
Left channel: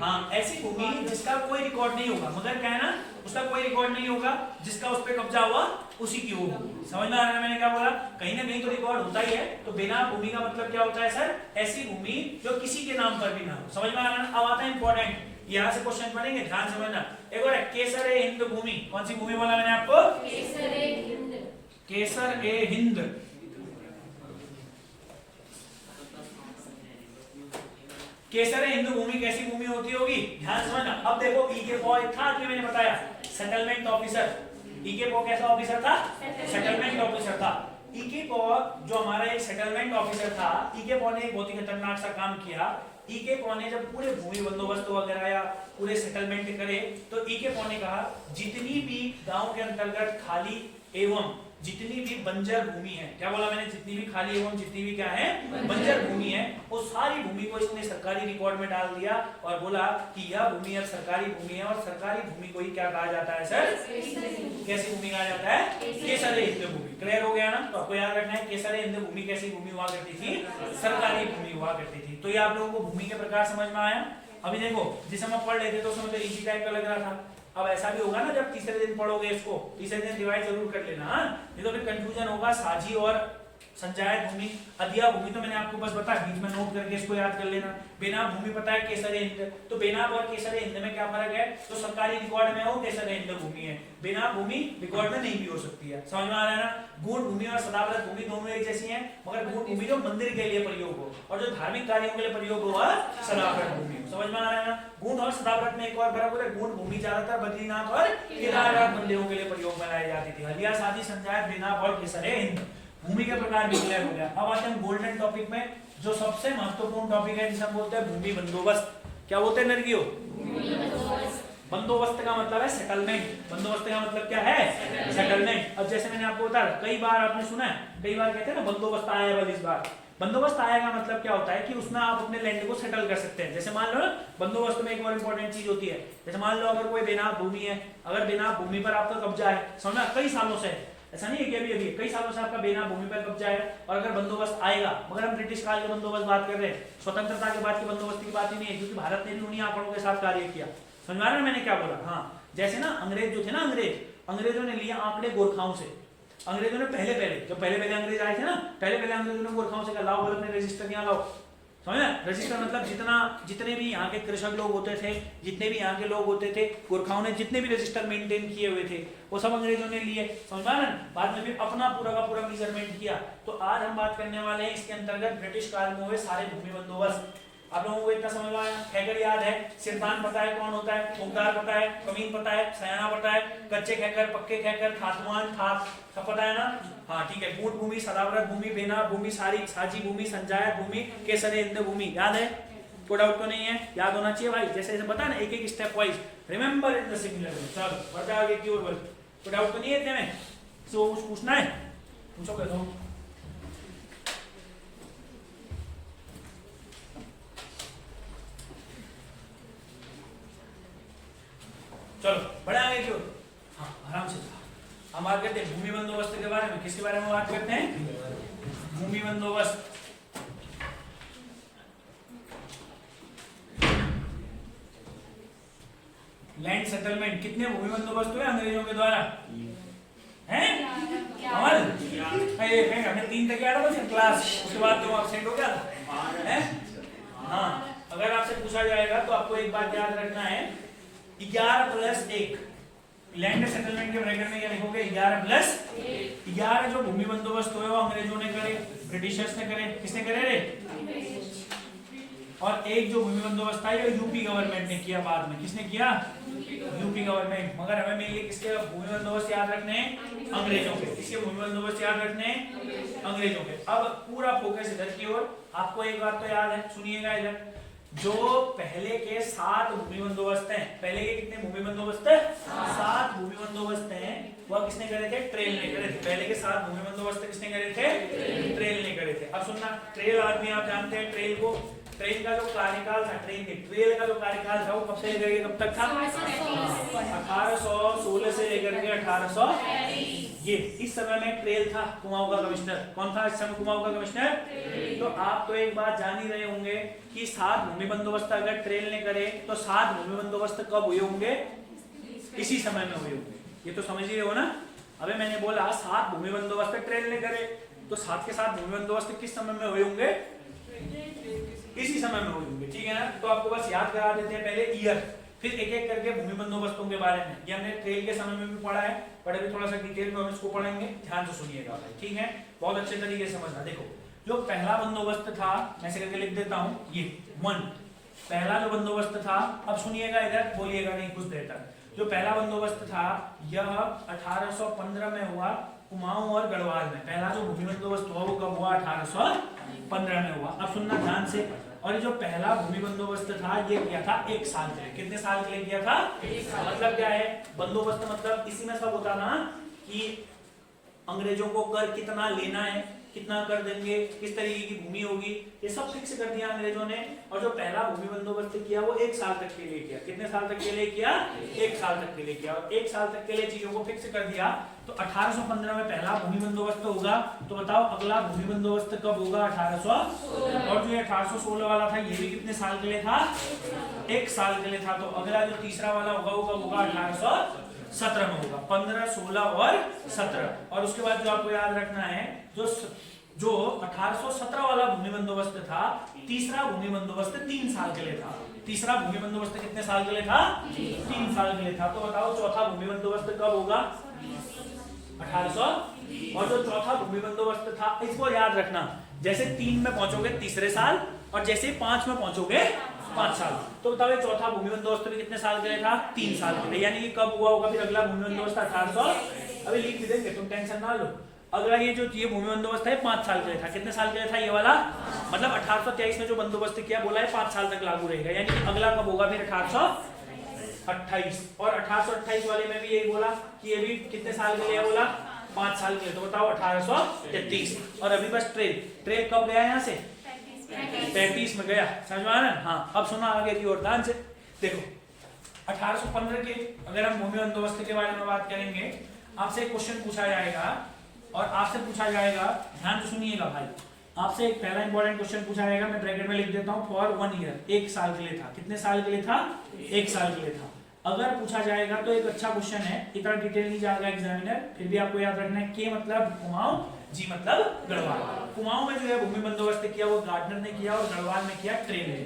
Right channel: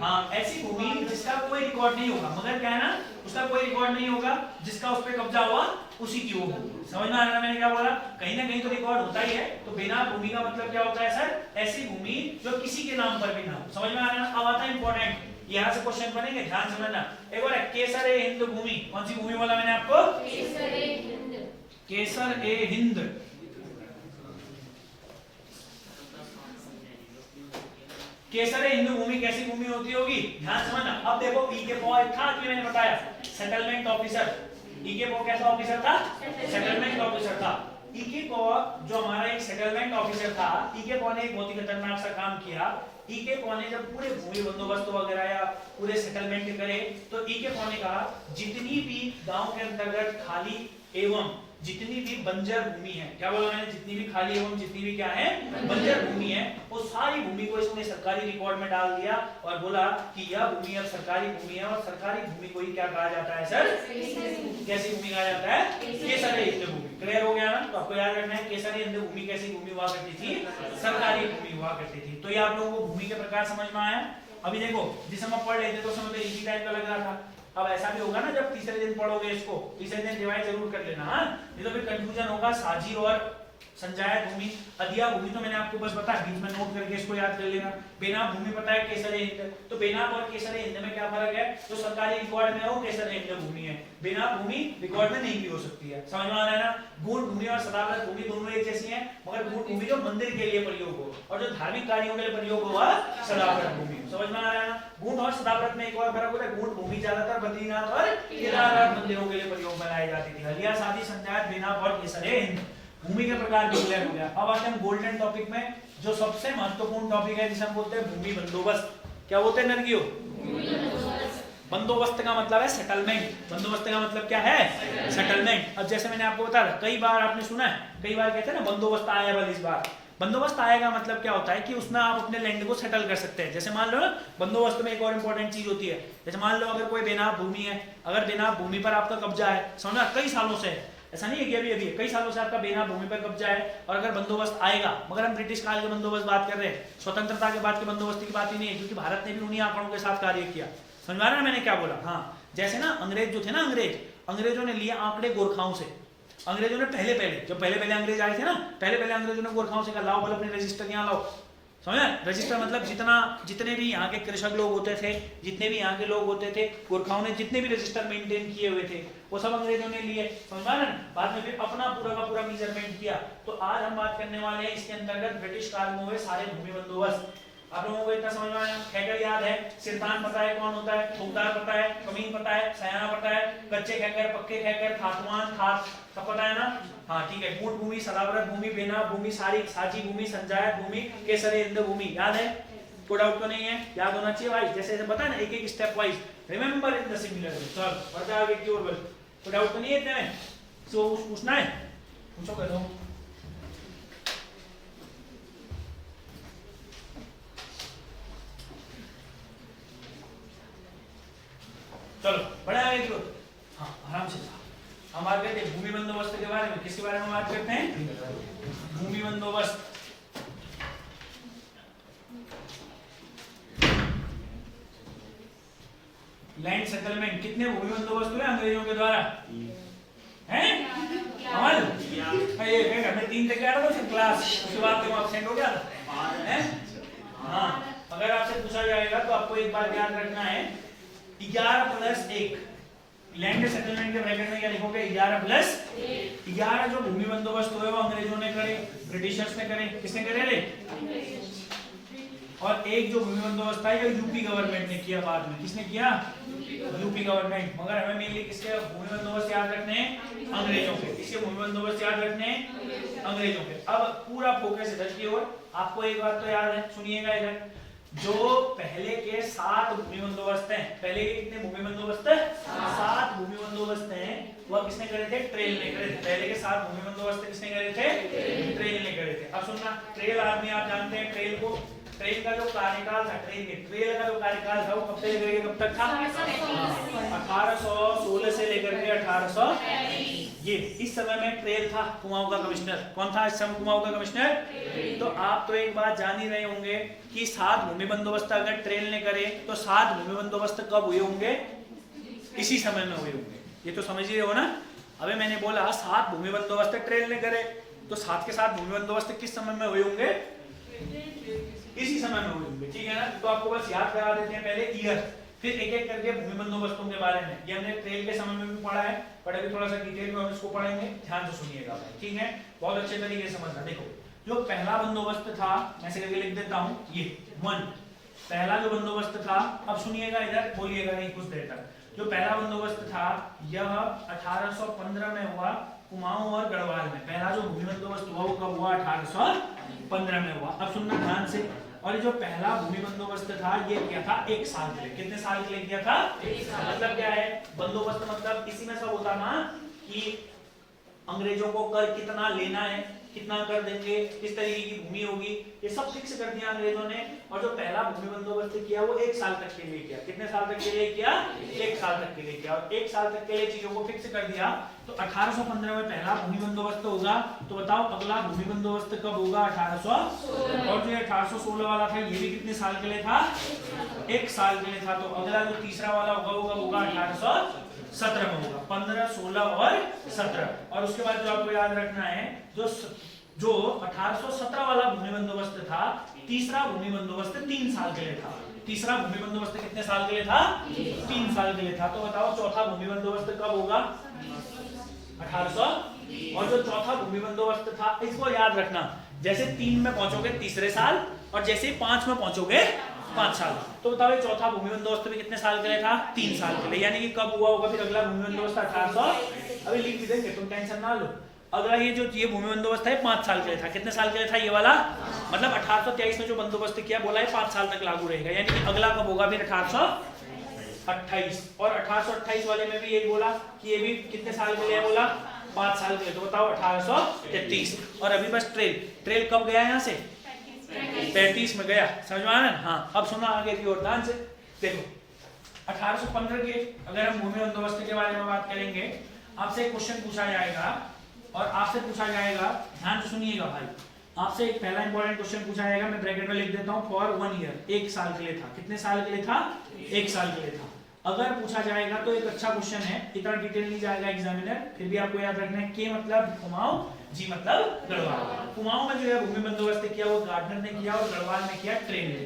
हाँ ऐसी भूमि जिसका कोई रिकॉर्ड नहीं होगा, मगर क्या है ना, उसका कोई रिकॉर्ड नहीं होगा, जिसका उस पर कब्जा हुआ उसी की होगी। समझ में आ रहा है मैंने क्या बोला? कहीं ना कहीं तो रिकॉर्ड होता ही है। तो बेनाम भूमि का मतलब क्या होता है सर? ऐसी भूमि जो किसी के नाम पर भी ना हो। समझ में आ रहा है? अब आता है इंपॉर्टेंट, यहाँ से क्वेश्चन बनेंगे, ध्यान समझना। एक और है केसर ए हिंद भूमि। कौन सी भूमि बोला मैंने आपको? केसर ए हिंद। केसर ए हिंद। केसर ए हिंदू भूमि कैसी भूमि होती होगी? ध्यान समझना। अब देखो ई के पॉ था, अभी मैंने बताया सेटलमेंट ऑफिसर। ई के पॉ कैसा ऑफिसर था? सेटलमेंट ऑफिसर था। ई के पॉ जो हमारा एक सेटलमेंट ऑफिसर था, ई के पॉ ने एक बहुत ही खतरनाक सा काम किया। ई के पॉ ने जब पूरे भूमि बंदोबस्त वगैरह या पूरे सेटलमेंट करे, तो ई के पॉ ने कहा जितनी भी गांव के अंतर्गत खाली एवं जितनी भी बंजर भूमि है, क्या बोला मैंने, जितनी भी खाली एवं जितनी भी क्या है बंजर भूमि है, वो सारी भूमि को इसने सरकारी रिकॉर्ड में डाल दिया और बोला कि यह भूमि अब सरकारी भूमि है और सरकारी भूमि को ही क्या कहा जाता है सर, कैसी भूमि कहा जाता है, केसरी हिंद भूमि। क्लियर हो गया ना? तो आपको याद रखना है केसरी हिंद भूमि कैसी भूमि हुआ करती थी, सरकारी भूमि हुआ करती थी। तो ये आप लोगों को भूमि के प्रकार समझ में आया। अभी देखो जिसे हम पढ़ रहे थे तो उसमें इजी टाइप का लग रहा था, अब ऐसा भी होगा ना जब तीसरे दिन पढ़ोगे इसको, तीसरे दिन रिवाइज जरूर कर लेना, नहीं तो फिर कंफ्यूजन होगा। साझी और संचायक भूमि, अधिया भूमि तो मैंने आपको बस बताया, बीच में नोट करके इसको याद कर लेना। बेनाम भूमि पता है केसरी हिंद, तो बेनाम और केसरी हिंद में क्या फर्क है, जो सरकारी रिकॉर्ड में है वो केसरी हिंद भूमि है, बेनाम भूमि रिकॉर्ड में नहीं भी हो सकती है। समझ में आ रहा है ना? गूढ़ भूमि और सदाव्रत भूमि दोनों एक जैसी है, मगर गूढ़ भूमि जो मंदिर के लिए प्रयोग हो और जो धार्मिक कार्यों के लिए प्रयोग हो वह सदाव्रत भूमि। समझ में आ रहा है ना? गूढ़ और सदाव्रत में एक और फर्क होता है, गूढ़ भूमि ज्यादातर बद्रीनाथ और केदारनाथ मंदिरों के लिए प्रयोग में लाई जाती थी। हलिया, साधी, संचायक, बेनाम और केसरी हिंद भूमि के प्रकार भी क्लियर हो गया। अब आते हैं गोल्डन टॉपिक में, जो सबसे महत्वपूर्ण टॉपिक है जिसे हम बोलते हैं भूमि बंदोबस्त। क्या बोलते हैं नरगियो? बंदोबस्त का मतलब है सेटलमेंट। बंदोबस्त का मतलब क्या है? सेटलमेंट। अब जैसे मैंने आपको बताया, कई बार आपने सुना है, कई बार कहते हैं ना बंदोबस्त आया बल इस बार। बंदोबस्त आएगा मतलब क्या होता है कि उसमें आप अपने लैंड को सेटल कर सकते हैं। जैसे मान लो बंदोबस्त में एक और इंपॉर्टेंट चीज होती है, जैसे मान लो अगर कोई बेनाम भूमि है, अगर बेनाम भूमि पर आपका कब्जा है, समझा, कई सालों से, ऐसा नहीं है कि अभी अभी, कई सालों से आपका बेनाम भूमि पर कब्जा है, और अगर बंदोबस्त आएगा, मगर हम ब्रिटिश काल के बंदोबस्त बात कर रहे हैं, स्वतंत्रता के बाद के बंदोबस्त की बात ही नहीं है, क्योंकि भारत ने भी उन्हीं आंकड़ों के साथ कार्य किया। समझ रहा है मैंने क्या बोला? हाँ, जैसे ना अंग्रेज जो थे ना, अंग्रेजों ने लिए आंकड़े गोरखाओं से। अंग्रेजों ने पहले अंग्रेज आए थे ना, पहले अंग्रेजों ने गोरखाओं से कहा लाओ बोले अपने रजिस्टर यहाँ लाओ। समझे? रजिस्टर मतलब जितने भी यहाँ के कृषक लोग होते थे, जितने भी यहाँ के लोग होते थे, गोरखाओं ने जितने भी रजिस्टर मेंटेन किए हुए थे वो सब अंग्रेजों ने लिए। समझा ना? बाद में फिर अपना पूरा का पूरा मेजरमेंट किया। तो आज हम बात करने वाले हैं इसके अंतर्गत ब्रिटिश काल में हुए सारे भूमि बंदोबस्त। आप लोगों को इतना समझ में आया? खैगर याद है, सिरदान पता है कौन होता है, मुमताज पता है, कमीन पता है, सयाना पता है, कच्चे खैकर, पक्के खैकर, खातवान, खात सब पता है ना? हाँ ठीक है। गूढ़ भूमि, सदाव्रत भूमि, बेनाम भूमि, साझी भूमि, संचायक भूमि, केसरी हिंद भूमि। याद है? कोई डाउट तो नहीं है? याद होना चाहिए भाई, जैसे जैसे बताया ना, एक एक step wise remember in the similar way. चलो बढ़ते आगे की ओर। कोई डाउट तो नहीं है इतने में? सो पूछना है, पूछो करो। चलो बढ़े आगे की ओर। हाँ आराम से हम बात करते हैं भूमि बंदोबस्त के बारे में। किसके बारे में बात करते हैं? भूमि बंदोबस्त। Land settlement. कितने भूमि बंदोबस्त हुए अंग्रेजों के द्वारा? हैं? ये हमने 3 तक आया था क्लास, उसके बाद क्यों एब्सेंट हो गया? हैं? हाँ, अगर आपसे पूछा जाएगा तो आपको एक बात याद रखना है, 11+1 लैंड सेटलमेंट के ब्रैकेट में क्या लिखोगे? 11+1। 11 जो भूमि बंदोबस्त हुए वो अंग्रेजों ने करे, ब्रिटिशर्स ने करे। किसने करे रे? और एक जो भूमि बंदोबस्त था ये यूपी गवर्नमेंट ने किया बाद में। किसने किया? UP government. मगर हमें मेनली किसके भूमि बंदोबस्त याद रखने हैं? अंग्रेजों के। किसके भूमि बंदोबस्त याद रखने हैं? अंग्रेजों के। अब पूरा फोकस इधर की ओर। आपको एक बात तो याद है, सुनिएगा इधर, जो पहले के 7 भूमि बंदोबस्त हैं, पहले के कितने भूमि बंदोबस्त है? 7 भूमि बंदोबस्त हैं। वह किसने करे थे? ट्रेल ने करे थे। पहले के 7 भूमि बंदोबस्त किसने करे थे? ट्रेल ने करे थे। अब सुनना, ट्रेल आदमी आप जानते हैं ट्रेल को, ट्रेल का जो कार्यकाल था, ट्रेल का जो कार्यकाल था वो कब से लेकर कब तक था? 1816 से लेकर के 1800। ये इस समय में ट्रेल था कुमाऊं का कमिश्नर। कौन था इस समय कुमाऊं का कमिश्नर? तो आप तो एक बात जान ही रहे होंगे कि 7 भूमि बंदोबस्त अगर ट्रेल ने करे तो 7 भूमि बंदोबस्त कब हुए होंगे? इसी समय में हुए होंगे। ये तो समझ ही रहे हो ना? अबे मैंने बोला 7 भूमि बंदोबस्त ट्रेल ने करे, तो 7 के 7 भूमि बंदोबस्त किस समय में हुए होंगे? इसी समय में हुए होंगे। ठीक है ना? तो आपको बस याद करा देते हैं पहले ईयर, फिर एक एक करके भूमि बंदोबस्तों के बारे में। ये हमने ट्रेल के समय में भी पढ़ा है, बट अभी थोड़ा सा डिटेल में हम इसको पढ़ेंगे। ध्यान से सुनिएगा, ठीक है? बहुत अच्छे तरीके से समझना। देखो, जो पहला बंदोबस्त था, मैं से करके लिख देता हूँ, ये 1 पहला जो बंदोबस्त था। अब सुनिएगा इधर, बोलिएगा नहीं कुछ देर तक। जो पहला बंदोबस्त था यह 1815 में हुआ कुमाऊं और गढ़वाल में। पहला जो भूमि बंदोबस्त हुआ वो कब हुआ? 1815 में हुआ। अब सुनना ध्यान से। और जो पहला भूमि बंदोबस्त था ये क्या था? 1 साल के लिए। कितने साल के लिए किया था? 1 साल। मतलब क्या है बंदोबस्त? मतलब इसी में सब होता ना कि अंग्रेजों को कर कितना लेना है, कितना कर देंगे, किस तरीके की भूमि होगी, ये सब फिक्स कर दिया अंग्रेजों ने। और जो पहला भूमि बंदोबस्त किया वो 1 साल तक के लिए किया। कितने साल तक के लिए किया? 1 साल तक के लिए किया। और 1 साल तक के लिए चीजों को फिक्स कर दिया। तो 1815 में पहला भूमि बंदोबस्त होगा। तो बताओ अगला भूमि बंदोबस्त कब होगा? 1816। और जो 1816 वाला था ये भी कितने साल के लिए था? 1 साल के लिए था। तो अगला जो तीसरा वाला होगा 1817 में होगा। 15, 16 और 17। और उसके बाद जो आपको याद रखना है, जो 1817 वाला भूमि बंदोबस्त था, तीसरा भूमि बंदोबस्त 3 साल के लिए था। तीसरा भूमि बंदोबस्त कितने साल के लिए था? 3 साल के लिए था। तो बताओ चौथा भूमि बंदोबस्त कब होगा? 1800। और जो चौथा भूमि बंदोबस्त था, इसको याद रखना, जैसे 3 में पहुंचोगे तीसरे साल और जैसे 5 में पहुंचोगे 5 साल। तो बताओ ये चौथा भूमि बंदोबस्त भी कितने साल के लिए था? 3 साल के लिए। यानी कि कब हुआ होगा फिर अगला भूमि बंदोबस्त? 1800। अभी लिख भी देंगे, तुम टेंशन ना लो। अगला ये भूमि बंदोबस्त है 5 साल के लिए था। कितने साल के लिए था ये वाला? मतलब 1823 में जो बंदोबस्त किया बोला है 5 साल तक लागू रहेगा। यानी कि अगला कब होगा फिर? 1828। और 1828 वाले में भी यही बोला कि ये भी कितने साल के लिए बोला? 5 साल के लिए। तो बताओ 1833। और अभी बस ट्रेल कब गया यहाँ से? 35 में गया। समझ में आया? हाँ। अब सुना आगे की ओर ध्यान से देखो। 1815 के अगर हम भूमि बंदोबस्त के बारे में बात करेंगे, आपसे एक क्वेश्चन पूछा जाएगा और आपसे पूछा जाएगा, ध्यान से सुनिएगा भाई, आपसे एक पहला इंपॉर्टेंट क्वेश्चन पूछा जाएगा। मैं ब्रैकेट में लिख देता हूँ, फॉर 1 ईयर, 1 साल के लिए था। कितने साल के लिए था? 1 साल के लिए था। अगर पूछा जाएगा तो एक अच्छा क्वेश्चन है, इतना डिटेल नहीं जाएगा एग्जामिनर, फिर भी आपको याद रखना है। के मतलब कुमाऊं, जी मतलब गढ़वाल। कुमाऊं में जो है भूमि बंदोबस्त किया वो गार्डनर ने किया और गढ़वाल में किया ट्रेन ने।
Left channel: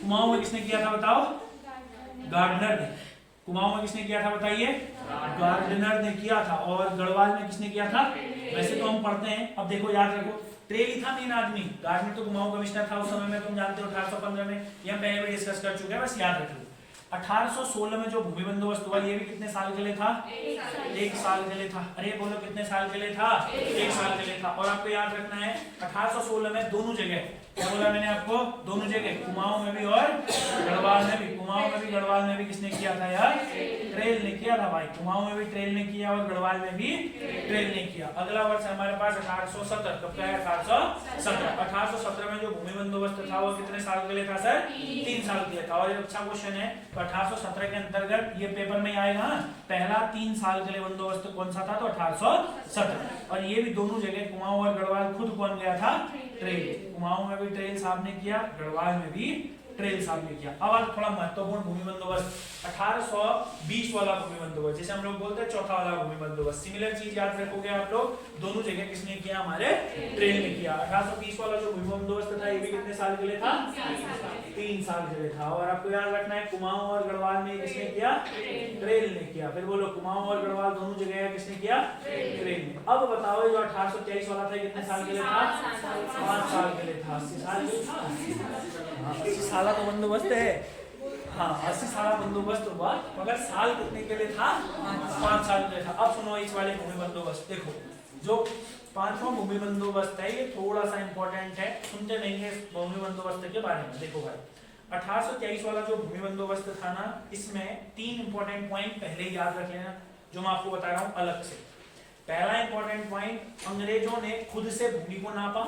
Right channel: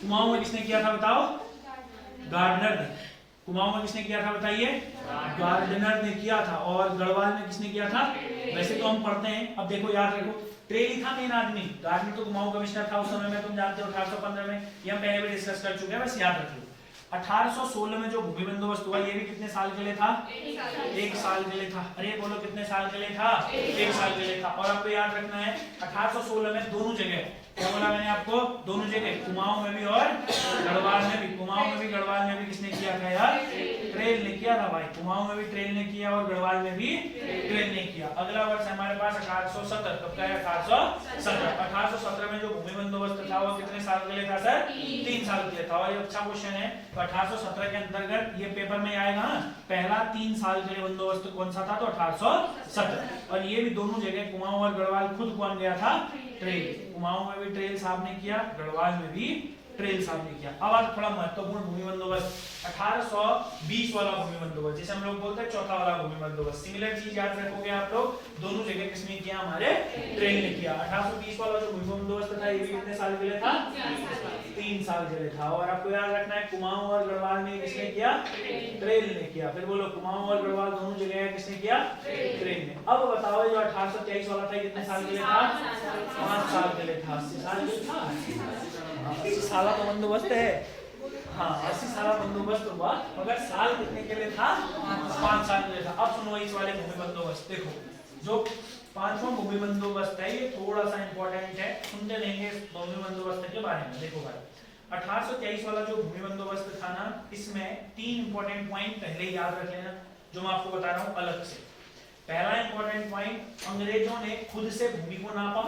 कुमाऊं में किसने किया था बताओ? गार्डनर ने। कुमाऊं में किसने किया था बताइए? गार्डनर ने किया था। और गढ़वाल में किसने किया था? वैसे तो हम पढ़ते हैं, अब देखो याद रखो, ट्रेल ही था मेन आदमी। गार्डनर तो कुमाऊं कमिश्नर था उस समय में, तुम जानते हो 1815 में, ये हम पहले भी डिस्कस कर चुके हैं, बस याद रख लो। 1816 में जो भूमि बंदोबस्त हुआ ये भी कितने साल के लिए था? 1 साल के लिए था। अरे बोलो कितने साल के लिए था? 1 साल के लिए था। और आपको याद रखना है 1816 में दोनों जगह, क्या बोला मैंने आपको? दोनों जगह, कुमाऊं में भी और गढ़वाल में भी। कुमाऊं में भी गढ़वाल में भी किसने किया था यार? ट्रेल ने किया था भाई। कुमाऊं में भी ट्रेल ने किया और गढ़वाल में भी ट्रेल ने किया। अगला वर्ष हमारे पास 1817। कब का है? 1817। 1817 में जो भूमि बंदोबस्त था वो कितने साल के लिए था सर? 3 साल के लिए था। और ये अच्छा क्वेश्चन है। 1817 के अंतर्गत ये पेपर में आएगा, पहला 3 साल के लिए बंदोबस्त कौन सा था? तो 1817। और ये भी दोनों जगह कुमाऊं और गढ़वाल खुद कौन गया था? ट्रेल। कुमाऊं में भी ट्रेल साहब ने किया, गढ़वाल में भी ट्रेल साहब ने किया। अब आज थोड़ा महत्वपूर्ण भूमि बंदोबस्त 1820 वाला भूमि बंदोबस्त, जिसे हम लोग बोलते हैं चौथा वाला भूमि बंदोबस्त। सिमिलर चीज याद रखोगे आप लोग, दोनों जगह किसने किया? हमारे ट्रेल ने किया। 1820 वाला जो भूमि बंदोबस्त था ये भी कितने साल के लिए था? 3 साल के लिए था। और आपको याद रखना है कुमाऊं और गढ़वाल में किसने किया? ट्रेल ने किया। फिर बोलो कुमाऊं और गढ़वाल दोनों जगह किसने किया? ट्रेल ने। अब बताओ जो 1823 वाला था कितने साल के लिए था? 5 साल के लिए था। 80 साल के लिए था। 80 साल तो बंदोबस्त है। हाँ 80 साल बंदोबस्त हुआ, मगर साल कितने के लिए था? 5 साल के लिए था। अब सुनो इस वाले भूमि बंदोबस्त देखो, जो 5वां भूमि बंदोबस्त है ये थोड़ा सा इंपॉर्टेंट है, सुनते रहेंगे इस भूमि बंदोबस्त के बारे में। देखो भाई 1823 वाला जो भूमि बंदोबस्त था ना, इसमें 3 इंपॉर्टेंट पॉइंट पहले याद रख लेना, जो मैं आपको बता रहा हूँ अलग से। पहला इंपॉर्टेंट पॉइंट, अंग्रेजों ने खुद से भूमि को नापा।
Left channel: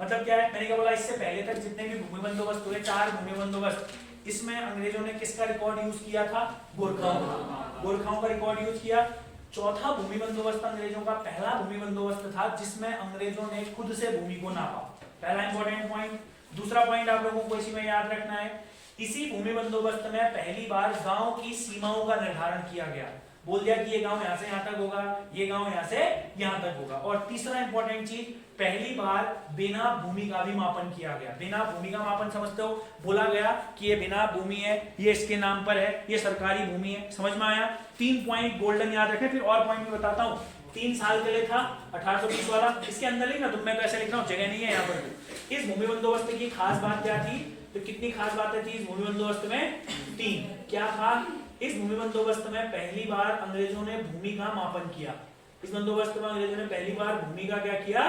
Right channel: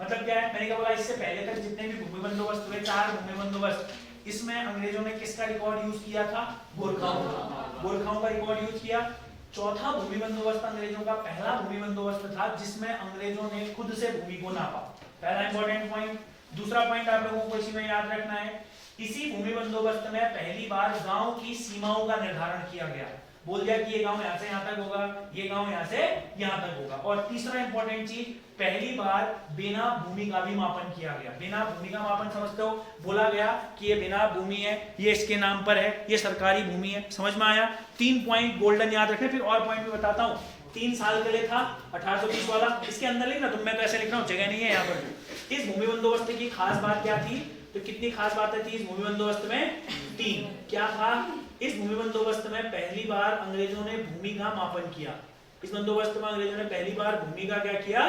मतलब क्या है? मैंने क्या बोला, इससे पहले तक जितने भी भूमि बंदोबस्त हुए, 4 भूमि बंदोबस्त, इसमें अंग्रेजों ने किसका रिकॉर्ड यूज किया था? गोरखाओं का रिकॉर्ड यूज किया। चौथा भूमि बंदोबस्त अंग्रेजों का पहला भूमि बंदोबस्त था जिसमें अंग्रेजों ने खुद से भूमि को नापा। पहला इंपॉर्टेंट पॉइंट। दूसरा पॉइंट आप लोगों को इसी में याद रखना है, इसी भूमि बंदोबस्त में पहली बार गांव की सीमाओं का निर्धारण किया गया। बोल दिया कि ये गांव यहाँ से यहाँ तक होगा, ये गांव यहाँ से यहाँ तक होगा। और तीसरा इंपॉर्टेंट चीज, पहली बार बिना भूमि का भी मापन किया गया। बिना भूमि का मापन समझते हो? बोला गया कि ये बिना भूमि है, ये इसके नाम पर है, ये सरकारी भूमि है। समझ में आया? 3 पॉइंट गोल्डन याद रखें। फिर और पॉइंट भी बताता हूँ। 3 साल के लिए था 1820 वाला, इसके अंदर लिखना, तुम मैं कैसे लिख रहा हूँ, जगह नहीं है यहाँ पर। इस भूमि बंदोबस्त की खास बात क्या थी? तो कितनी खास बातें थी इस भूमि बंदोबस्त में? 3। क्या था? इस भूमि बंदोबस्त में पहली बार अंग्रेजों ने भूमि का मापन किया। इस बंदोबस्त में अंग्रेजों ने पहली बार भूमि का क्या किया?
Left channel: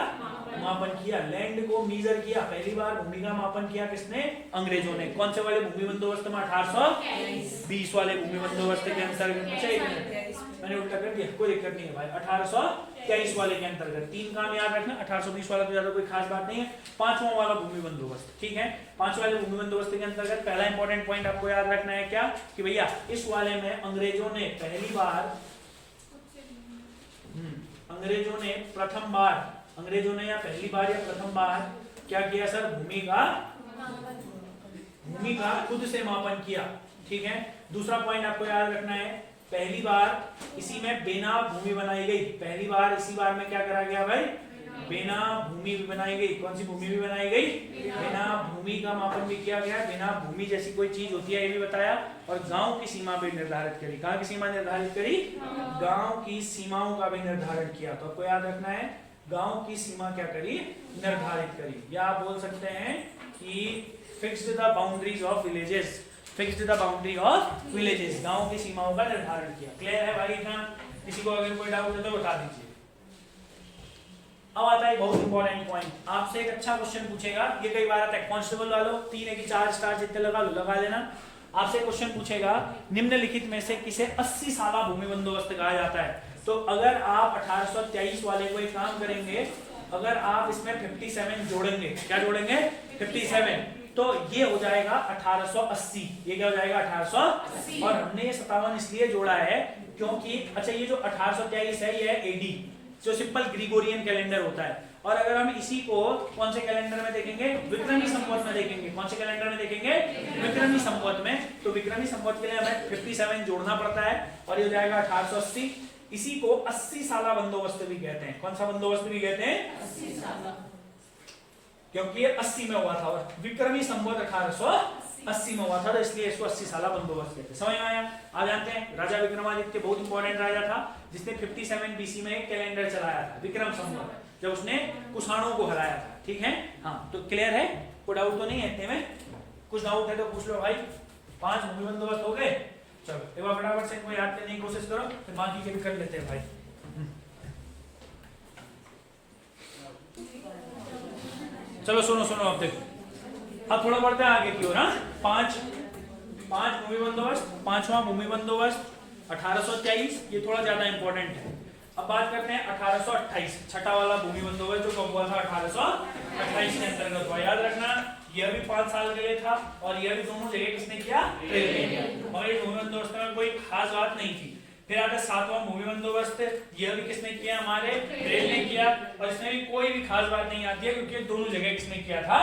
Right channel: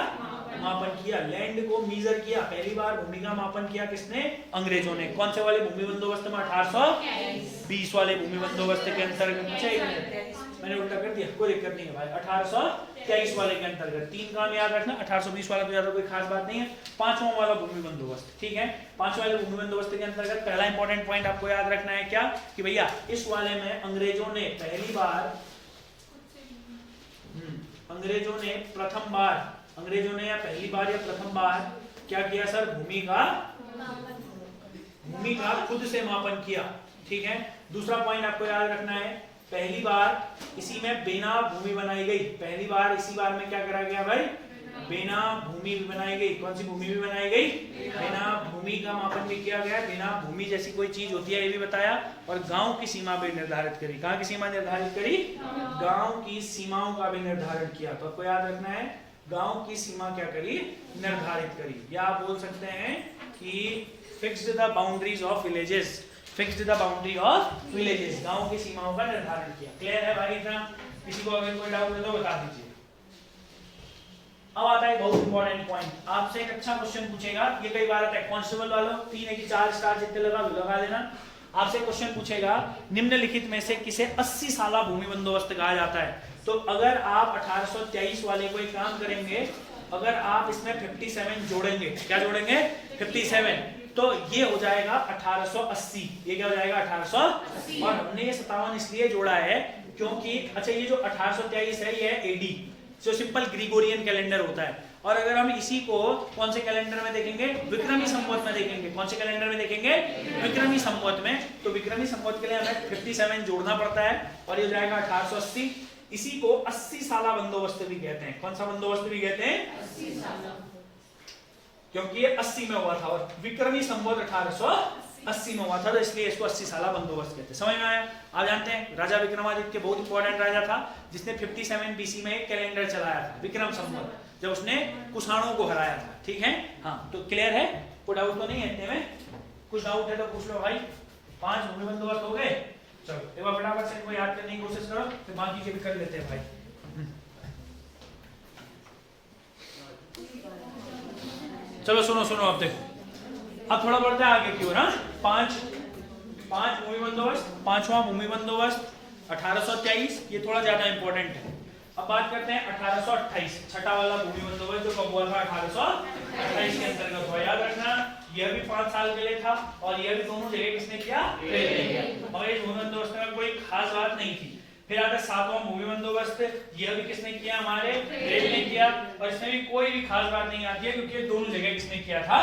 मापन किया। लैंड को मीजर किया। पहली बार भूमि का मापन किया किसने? अंग्रेजों ने। कौन से वाले भूमि बंदोबस्त में? 1820 वाले भूमि बंदोबस्त के अंतर्गत। मैंने उल्टा कर दिया, कोई दिक्कत नहीं है भाई। 1823 वाले के अंतर्गत 3 काम याद रखना, 1820 वाला तो ज्यादा कोई खास बात नहीं है। 5वां वाला भूमि बंदोबस्त, ठीक है। 5वें वाले भूमि बंदोबस्त के अंतर्गत पहला इंपॉर्टेंट पॉइंट आपको याद रखना है क्या, कि भैया इस वाले में अंग्रेजों ने पहली बार, अंग्रेजों ने प्रथम बार, अंग्रेजों ने या पहली बार या प्रथम बार क्या किया सर, भूमि का खुद से मापन किया, ठीक है। दूसरा पॉइंट आपको याद रखना है, पहली बार इसी में बेना भूमि बनाई गई, पहली बार इसी बार में क्या करा गया भाई, बेना भूमि भी बनाई गई। कौन सी भूमि भी बनाई गई, बेना भूमि का मापन भी किया गया। बेना भूमि जैसी कोई चीज होती है ये भी बताया, और गांव की सीमा भी निर्धारित करी। कहां की सीमा निर्धारित करी, गांव की सीमाओं का भी निर्धारण किया। तो आपको याद रखना है, गांव की सीमा क्या करी, निर्धारित करी। या आप बोल सकते हैं कि fixed the boundaries of villages, fixed the boundary of villages, गांव की सीमाओं का निर्धारण किया। क्लियर है भाई इतना? किसी को अगर कोई डाउट हो तो बता दीजिए। अब आता है बहुत इंपॉर्टेंट पॉइंट, आपसे एक अच्छा क्वेश्चन पूछेगा, ये कई बार आता है कांस्टेबल वालों, 3 है कि 4 स्टार जितने लगा लेना। आपसे क्वेश्चन पूछेगा, निम्नलिखित में से किसे 80 साला भूमि बंदोबस्त कहा जाता है। तो अगर आप 1823 वाले को एक काम करेंगे, अगर आप इसमें 57 जोड़ेंगे, क्या जोड़ेंगे, 57, तो ये हो जाएगा 1880। ये क्या हो जाएगा, 1880। और हमने ये 57 इसलिए जोड़ा है क्योंकि अच्छा ये जो 1823 है ये एडी, जो सिंपल ग्रिगोरियन कैलेंडर होता है। और अगर हम इसी को कौन से कैलेंडर में देखेंगे, विक्रमी संवत में देखेंगे। कौन से कैलेंडर में देखेंगे, विक्रमी संवत में। तो विक्रमी संवत के लिए हमें 57 जोड़ना पड़ता है, और ये हो जाएगा 1880। इसी को 80 साला बंदोबस्त भी कहते हैं। कौन सा बंदोबस्त भी कहते हैं, 80 साला, क्योंकि ये 80 में हुआ था और विक्रमी संवत 1880 में हुआ था, तो इसलिए इसको 80 साला बंदोबस्त कहते हैं। समझ में आया? आप जानते हैं राजा विक्रमादित्य बहुत इंपॉर्टेंट राजा था, जिसने 57 बीसी में एक कैलेंडर चलाया था, विक्रम संवत, जब उसने कुषाणों को हराया था, ठीक है। हाँ, तो क्लियर है, कोई डाउट तो नहीं है इतने में? कुछ डाउट है तो पूछ लो भाई। 5 भूमि बंदोबस्त हो गए, चलो एक बार फटाफट से इनको याद करने की कोशिश करो, फिर बाकी के भी कर लेते हैं भाई। चलो सुनो अब देखो, अब थोड़ा बढ़ते हैं आगे की ओर। 5 भूमि बंदोबस्त, 5वां भूमि बंदोबस्त 1823, ये थोड़ा ज्यादा इंपॉर्टेंट है। अब बात करते हैं 1828, छठा वाला भूमि बंदोबस्त, जो कब हुआ था, 1828 के अंतर्गत हुआ। याद रखना, यह भी 5 साल के लिए था, और यह भी दोनों जगह किसने किया, ट्रेल ने किया। और इस भूमि बंदोबस्त में कोई खास बात नहीं थी। फिर आता 7वां भूमि बंदोबस्त, यह भी किसने किया, हमारे ट्रेल ने किया, और इसमें भी कोई भी खास बात नहीं आती है, क्योंकि दोनों जगह किसने किया था,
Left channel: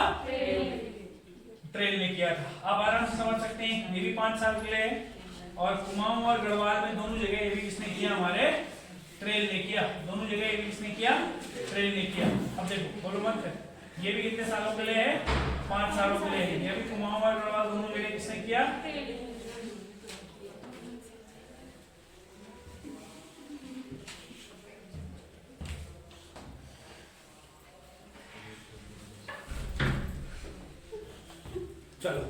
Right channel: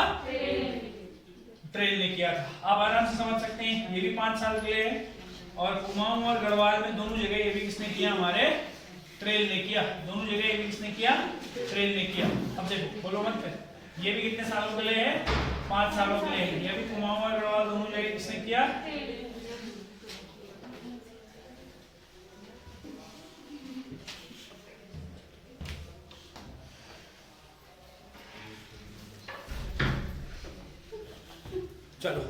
ट्रेल ने किया था। आप आराम से समझ सकते हैं, ये भी 5 साल के लिए है, और कुमाऊं और गढ़वाल में दोनों जगह ये भी किसने किया, हमारे ट्रेल ने किया। दोनों जगह ये भी किसने किया, ट्रेल ने किया। अब देखो, बोलो मत फिर, ये भी कितने सालों के लिए है, 5 सालों के लिए है। ये भी कुमाऊं और गढ़वाल दोनों जगह किसने किया, चलो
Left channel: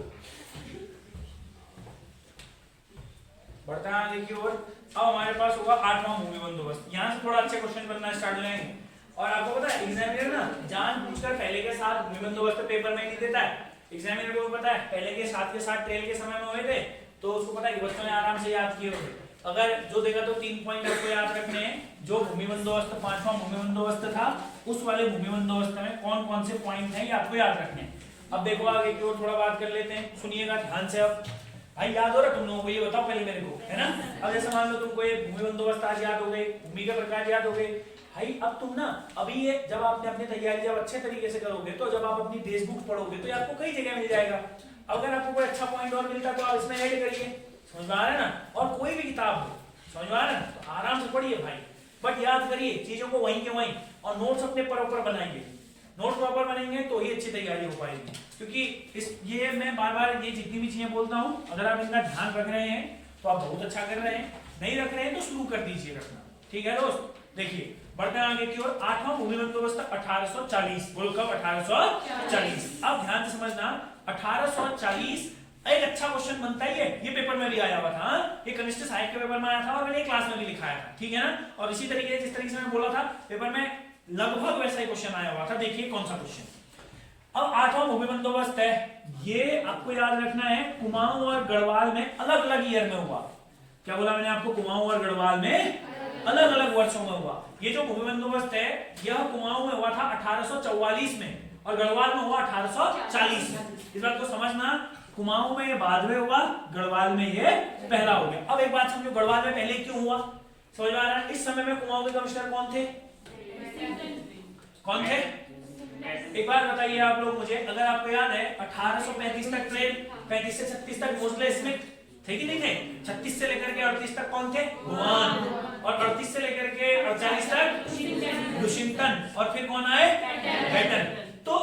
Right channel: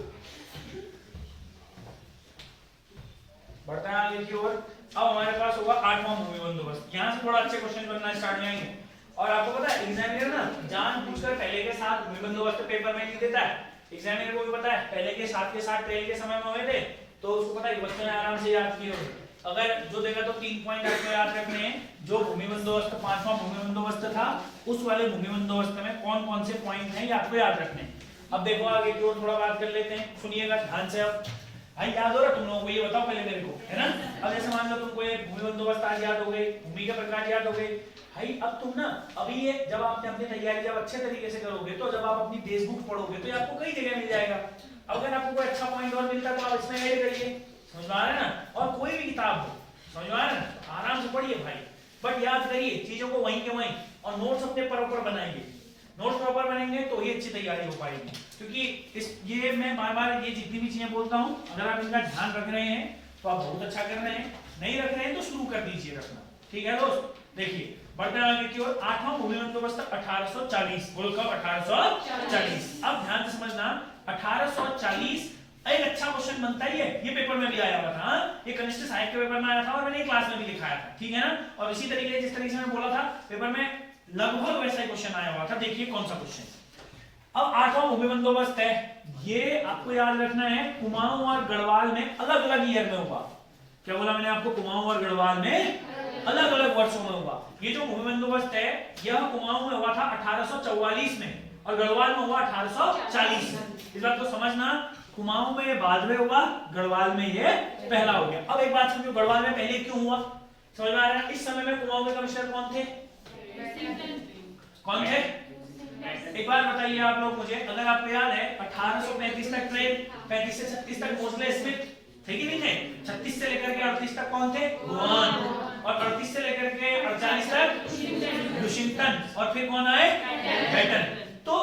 बढ़ते हैं आगे की ओर। अब हमारे पास होगा 8वां भूमि बंदोबस्त। यहाँ से थोड़ा अच्छे क्वेश्चन बनना स्टार्ट हो जाएंगे। और आपको पता है एग्जामिनर ना जानबूझकर पहले के साथ भूमि बंदोबस्त पेपर में नहीं देता है। एग्जामिनर को भी पता है पहले के साथ ट्रेल के समय में हुए थे, तो उसको पता है कि बच्चों ने आराम से याद किए होंगे। अगर जो देगा तो 3 पॉइंट आपको याद रखने हैं। जो भूमि बंदोबस्त 5वां भूमि बंदोबस्त था, उस वाले भूमि बंदोबस्त में कौन कौन से पॉइंट हैं ये आपको याद रखने हैं। अब देखो आगे की ओर थोड़ा बात कर लेते हैं, सुनिएगा ध्यान से। अब भाई याद हो रहा तुम लोगों को, ये बताओ पहले मेरे को, है ना। अब जैसे मान लो तुमको ये भूमि बंदोबस्त आज याद हो गए, भूमि के प्रकार याद हो गए। भाई अब तुम ना अभी ये जब आपने अपनी तैयारी जब अच्छे तरीके से करोगे, तो जब आप अपनी देश बुक पढ़ोगे तो ये आपको कई जगह मिल जाएगा। अगर आपको कोई अच्छा पॉइंट और मिलता तो आप इसमें ऐड करिए, समझ में आ रहा है ना। और कोई भी किताब हो, समझ में आ रहा है ना, तो आराम से पढ़िए भाई, बट याद करिए चीजों को वहीं के वहीं। और नोट्स अपने प्रॉपर बनाएंगे, नोट प्रॉपर बनेंगे तो ही अच्छी तैयारी हो पाएगी। क्योंकि ये मैं बार ये जितनी भी चीजें बोलता हूँ, अगर आप इनका ध्यान रख रहे हैं तो आप बहुत अच्छा कर रहे हैं, नहीं रख रहे हैं तो शुरू कर दीजिए रखना, ठीक है दोस्त। देखिए बढ़ते आगे की ओर। 8वां भूमि बंदोबस्त 1840, बोलो कब, 1840। अब ध्यान से समझना, 1840 एक अच्छा क्वेश्चन बनता ही है, ये पेपर में भी आया हुआ था। ये कनिष्ठ साहित्य के पेपर में आया था, और मैंने क्लास में भी लिखाया था, ठीक है ना। और इसी तरीके से जिस तरीके से मैंने बोला था पेपर में लगभग वैसा ही क्वेश्चन आया हुआ था। देखिए कौन सा क्वेश्चन। अब 8वां भूमि बंदोबस्त है, ये आपको याद रखना है कुमाऊं और गढ़वाल में अलग अलग ईयर में हुआ। क्या बोला मैंने आपको, कुमाऊं और गढ़वाल में अलग अलग वर्षों में हुआ। ये जो भूमि बंदोबस्त है यह कुमाऊं में हुआ था 1844 में और गढ़वाल में हुआ 1840 में। इस बात को समझना, कुमाऊं में ये बाद में हुआ, गढ़वाल में ये पहला हो गया। अब एक बात समझो, गढ़वाल में पहले क्यों हुआ, समझ में आ रहा है? इस समय में कुमाऊं के कमिश्नर कौन थे? कौन थे? एक बार बताइए आप लोग मुझे, अगर आपको याद है 1835 तक ट्रेन, 35 से 36 तक मोस्ले स्मिथ थे कि नहीं थे? 36 से लेकर के 38 तक कौन थे? भुवन। और 38 से लेकर के 48 तक लुशिंगटन। और फिर कौन आए? बेटन। तो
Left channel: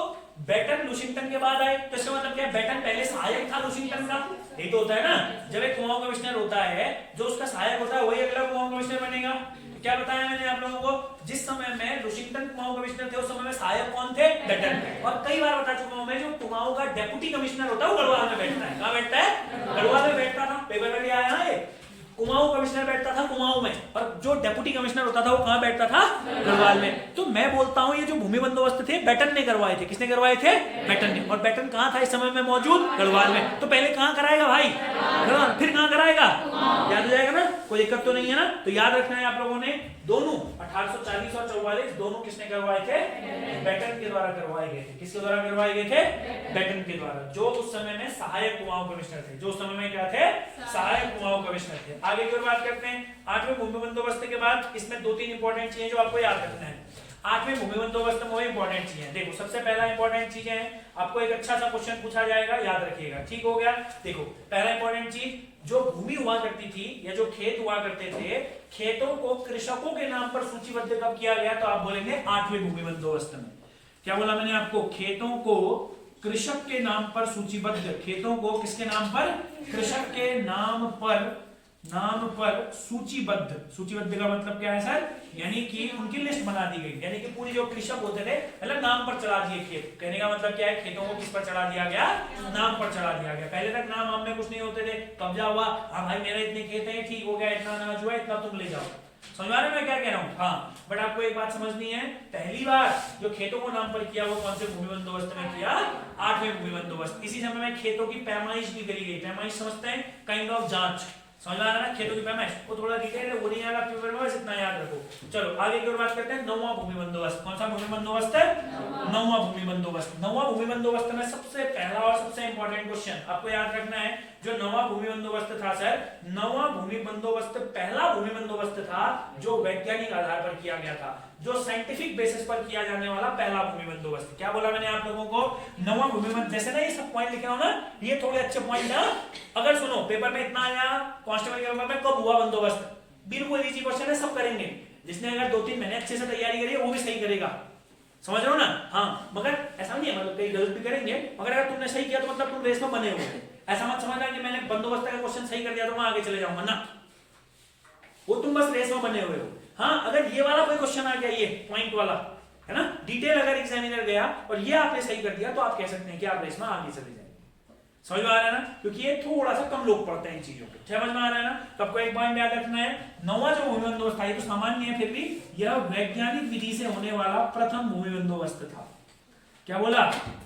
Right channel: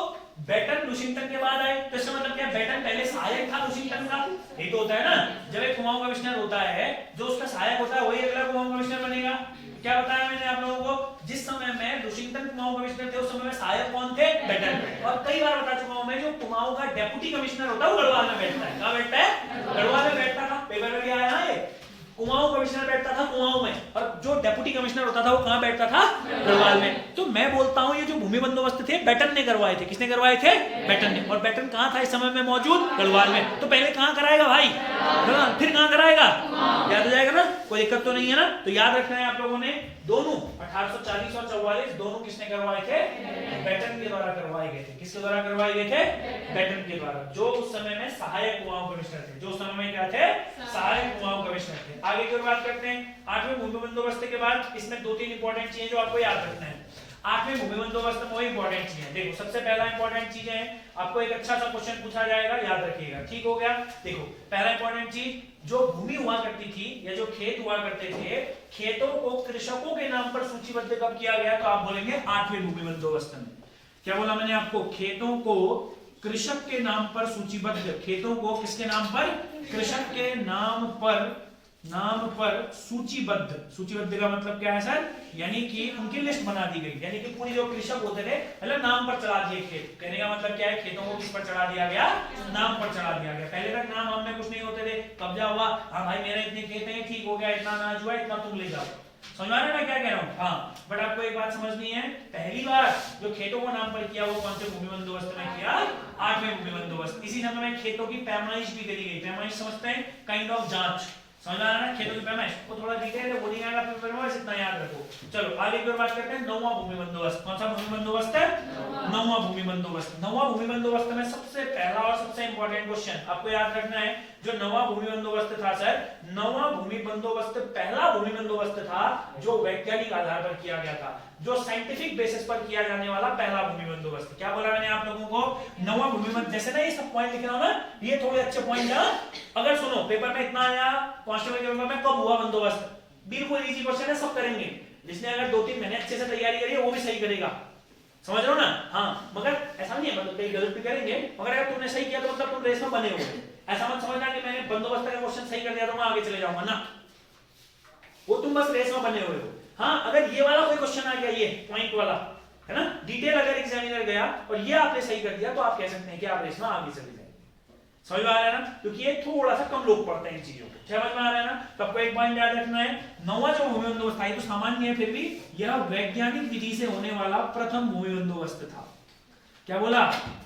बेटन लुशिंगटन के बाद आए, तो इसका मतलब क्या? बेटन पहले सहायक था लुशिंगटन का। ये तो होता है ना, जब एक कुमाऊं कमिश्नर होता है, जो उसका सहायक होता है वही अगला कुमाऊं कमिश्नर बनेगा। क्या बताया मैंने आप लोगों को, जिस समय में लुशिंगटन कुमाऊं कमिश्नर थे उस समय में सहायक कौन थे? बेटन। और कई बार बता चुका हूं मैं, जो कुमाऊं का डेप्यूटी कमिश्नर होता है वो गढ़वाल में बैठता है। कहां बैठता है? गढ़वाल में बैठता था। पेपर में भी आया है, कुमाऊं कमिश्नर बैठता था कुमाऊं में, और जो डेप्यूटी कमिश्नर होता था वो कहां बैठता था? गढ़वाल में। तो मैं बोलता हूं ये जो भूमि बंदोबस्त थे बेटन ने करवाए थे। किसने करवाए थे? बेटन ने। और बेटन कहां था इस समय में मौजूद? गढ़वाल में। तो पहले कहां कराएगा भाई? गढ़वाल। फिर कहां कराएगा? याद हो जाएगा ना, कोई दिक्कत तो नहीं है ना? तो याद रखना है आप लोगों ने, दोनों 1840 और 44 दोनों किसने करवाए थे? बेटन के द्वारा करवाए गए थे। किसके द्वारा करवाए गए थे? बेटन के द्वारा, जो उस समय में सहायक कुमाऊं कमिश्नर थे। जो उस समय में क्या थे? सहायक कुमाऊं कमिश्नर थे। आगे की बात करते हैं। 8वें भूमि बंदोबस्त के बाद इसमें 2-3 इंपॉर्टेंट चीजें जो आपको याद रखना है। 8वें भूमि बंदोबस्त में वही इंपॉर्टेंट चीजें देखो। सबसे पहला इंपॉर्टेंट चीजें हैं, आपको एक अच्छा सा क्वेश्चन पूछा जाएगा, याद रखिएगा। ठीक हो गया? देखो पहला इंपॉर्टेंट चीज, जो भूमि हुआ करती थी या जो खेत हुआ करते थे, खेतों को कृषकों के नाम पर सूचीबद्ध कब किया गया? तो आप बोलेंगे 8वें भूमि बंदोबस्त में। क्या बोला मैंने आपको? खेतों को कृषक के नाम पर सूचीबद्ध, खेतों को किसके नाम पर? कृषक के नाम पर सूचीबद्ध। सूचीबद्ध का मतलब क्या है सर? यानी कि उनकी लिस्ट बना दी गई, यानी कि पूरी जो कृषक होते थे मतलब नाम पर चढ़ा दिए खेत। कहने का मतलब क्या है? खेतों को किस पर चढ़ा दिया गया? नाम पर चढ़ा दिया गया। पहले तक नाम हमने कुछ नहीं होते थे, कब्जा हुआ, हाँ भाई मेरे इतने खेत हैं, ठीक हो गया, इतना अनाज हुआ, इतना तुम ले जाओ। समझ आ रहा है मैं क्या कह रहा हूँ? हाँ, बट आपको एक बात समझनी है, पहली बार जो खेतों को नाम पर किया वो कौन से भूमि बंदोबस्त में किया? 8वें भूमि बंदोबस्त। इसी समय में खेतों की पैमाइश भी करी गई। पैमाइश समझते हैं? काइंड ऑफ जांच। समझ में आ रहा है? खेतों की पैमाइश को थोड़ा डिटेल है, वो नहीं आएगा पेपर में, बस इतना याद रखो। चलो आगे की ओर बात करते हैं। 9वां भूमि बंदोबस्त। कौन सा भूमि बंदोबस्त है? 9वां भूमि बंदोबस्त। 9वां भूमि बंदोबस्त में सबसे पहला और सबसे इंपॉर्टेंट क्वेश्चन आपको याद रखना है, जो 9वां भूमि बंदोबस्त था सर, 9वां भूमि बंदोबस्त पहला भूमि बंदोबस्त था जो वैज्ञानिक आधार पर किया गया था, जो साइंटिफिक बेसिस पर किया जाने वाला पहला भूमि बंदोबस्त। क्या बोला मैंने आप लोगों को? 9वां भूमि बंदोबस्त। जैसे ना ये सब पॉइंट लिख रहा हूं ना, ये थोड़े अच्छे पॉइंट ना, अगर सुनो पेपर में इतना आया कांस्टेबल के पेपर में कब हुआ बंदोबस्त, बिल्कुल इजी क्वेश्चन है, सब करेंगे। जिसने अगर 2-3 महीने अच्छे से तैयारी करी है वो भी सही करेगा। समझ रहे हो ना? हाँ, मगर ऐसा नहीं है, मतलब कई गलत भी करेंगे, मगर अगर तुमने सही किया तो मतलब तुम रेस में बने हुए। ऐसा मत समझना कि मैंने बंदोबस्त का क्वेश्चन सही कर दिया तो मैं आगे चले जाऊंगा ना, वो तुम बस रेस में बने हुए हो। हाँ, अगर ये वाला कोई क्वेश्चन आ गया, ये पॉइंट वाला है ना, डिटेल अगर एग्जामिनर गया और ये आपने सही कर दिया तो आप कह सकते हैं कि आप रेस में आगे चले जाएंगे। समझ में आ रहा है ना? क्योंकि ये थोड़ा सा कम लोग पढ़ते हैं इन चीजों को। समझ में आ रहा है ना? तो आपको एक पॉइंट याद रखना है, 9वां जो भूमि बंदोबस्त था, ये तो सामान्य है, फिर भी यह वैज्ञानिक विधि से होने वाला प्रथम भूमि बंदोबस्त था। क्या बोला?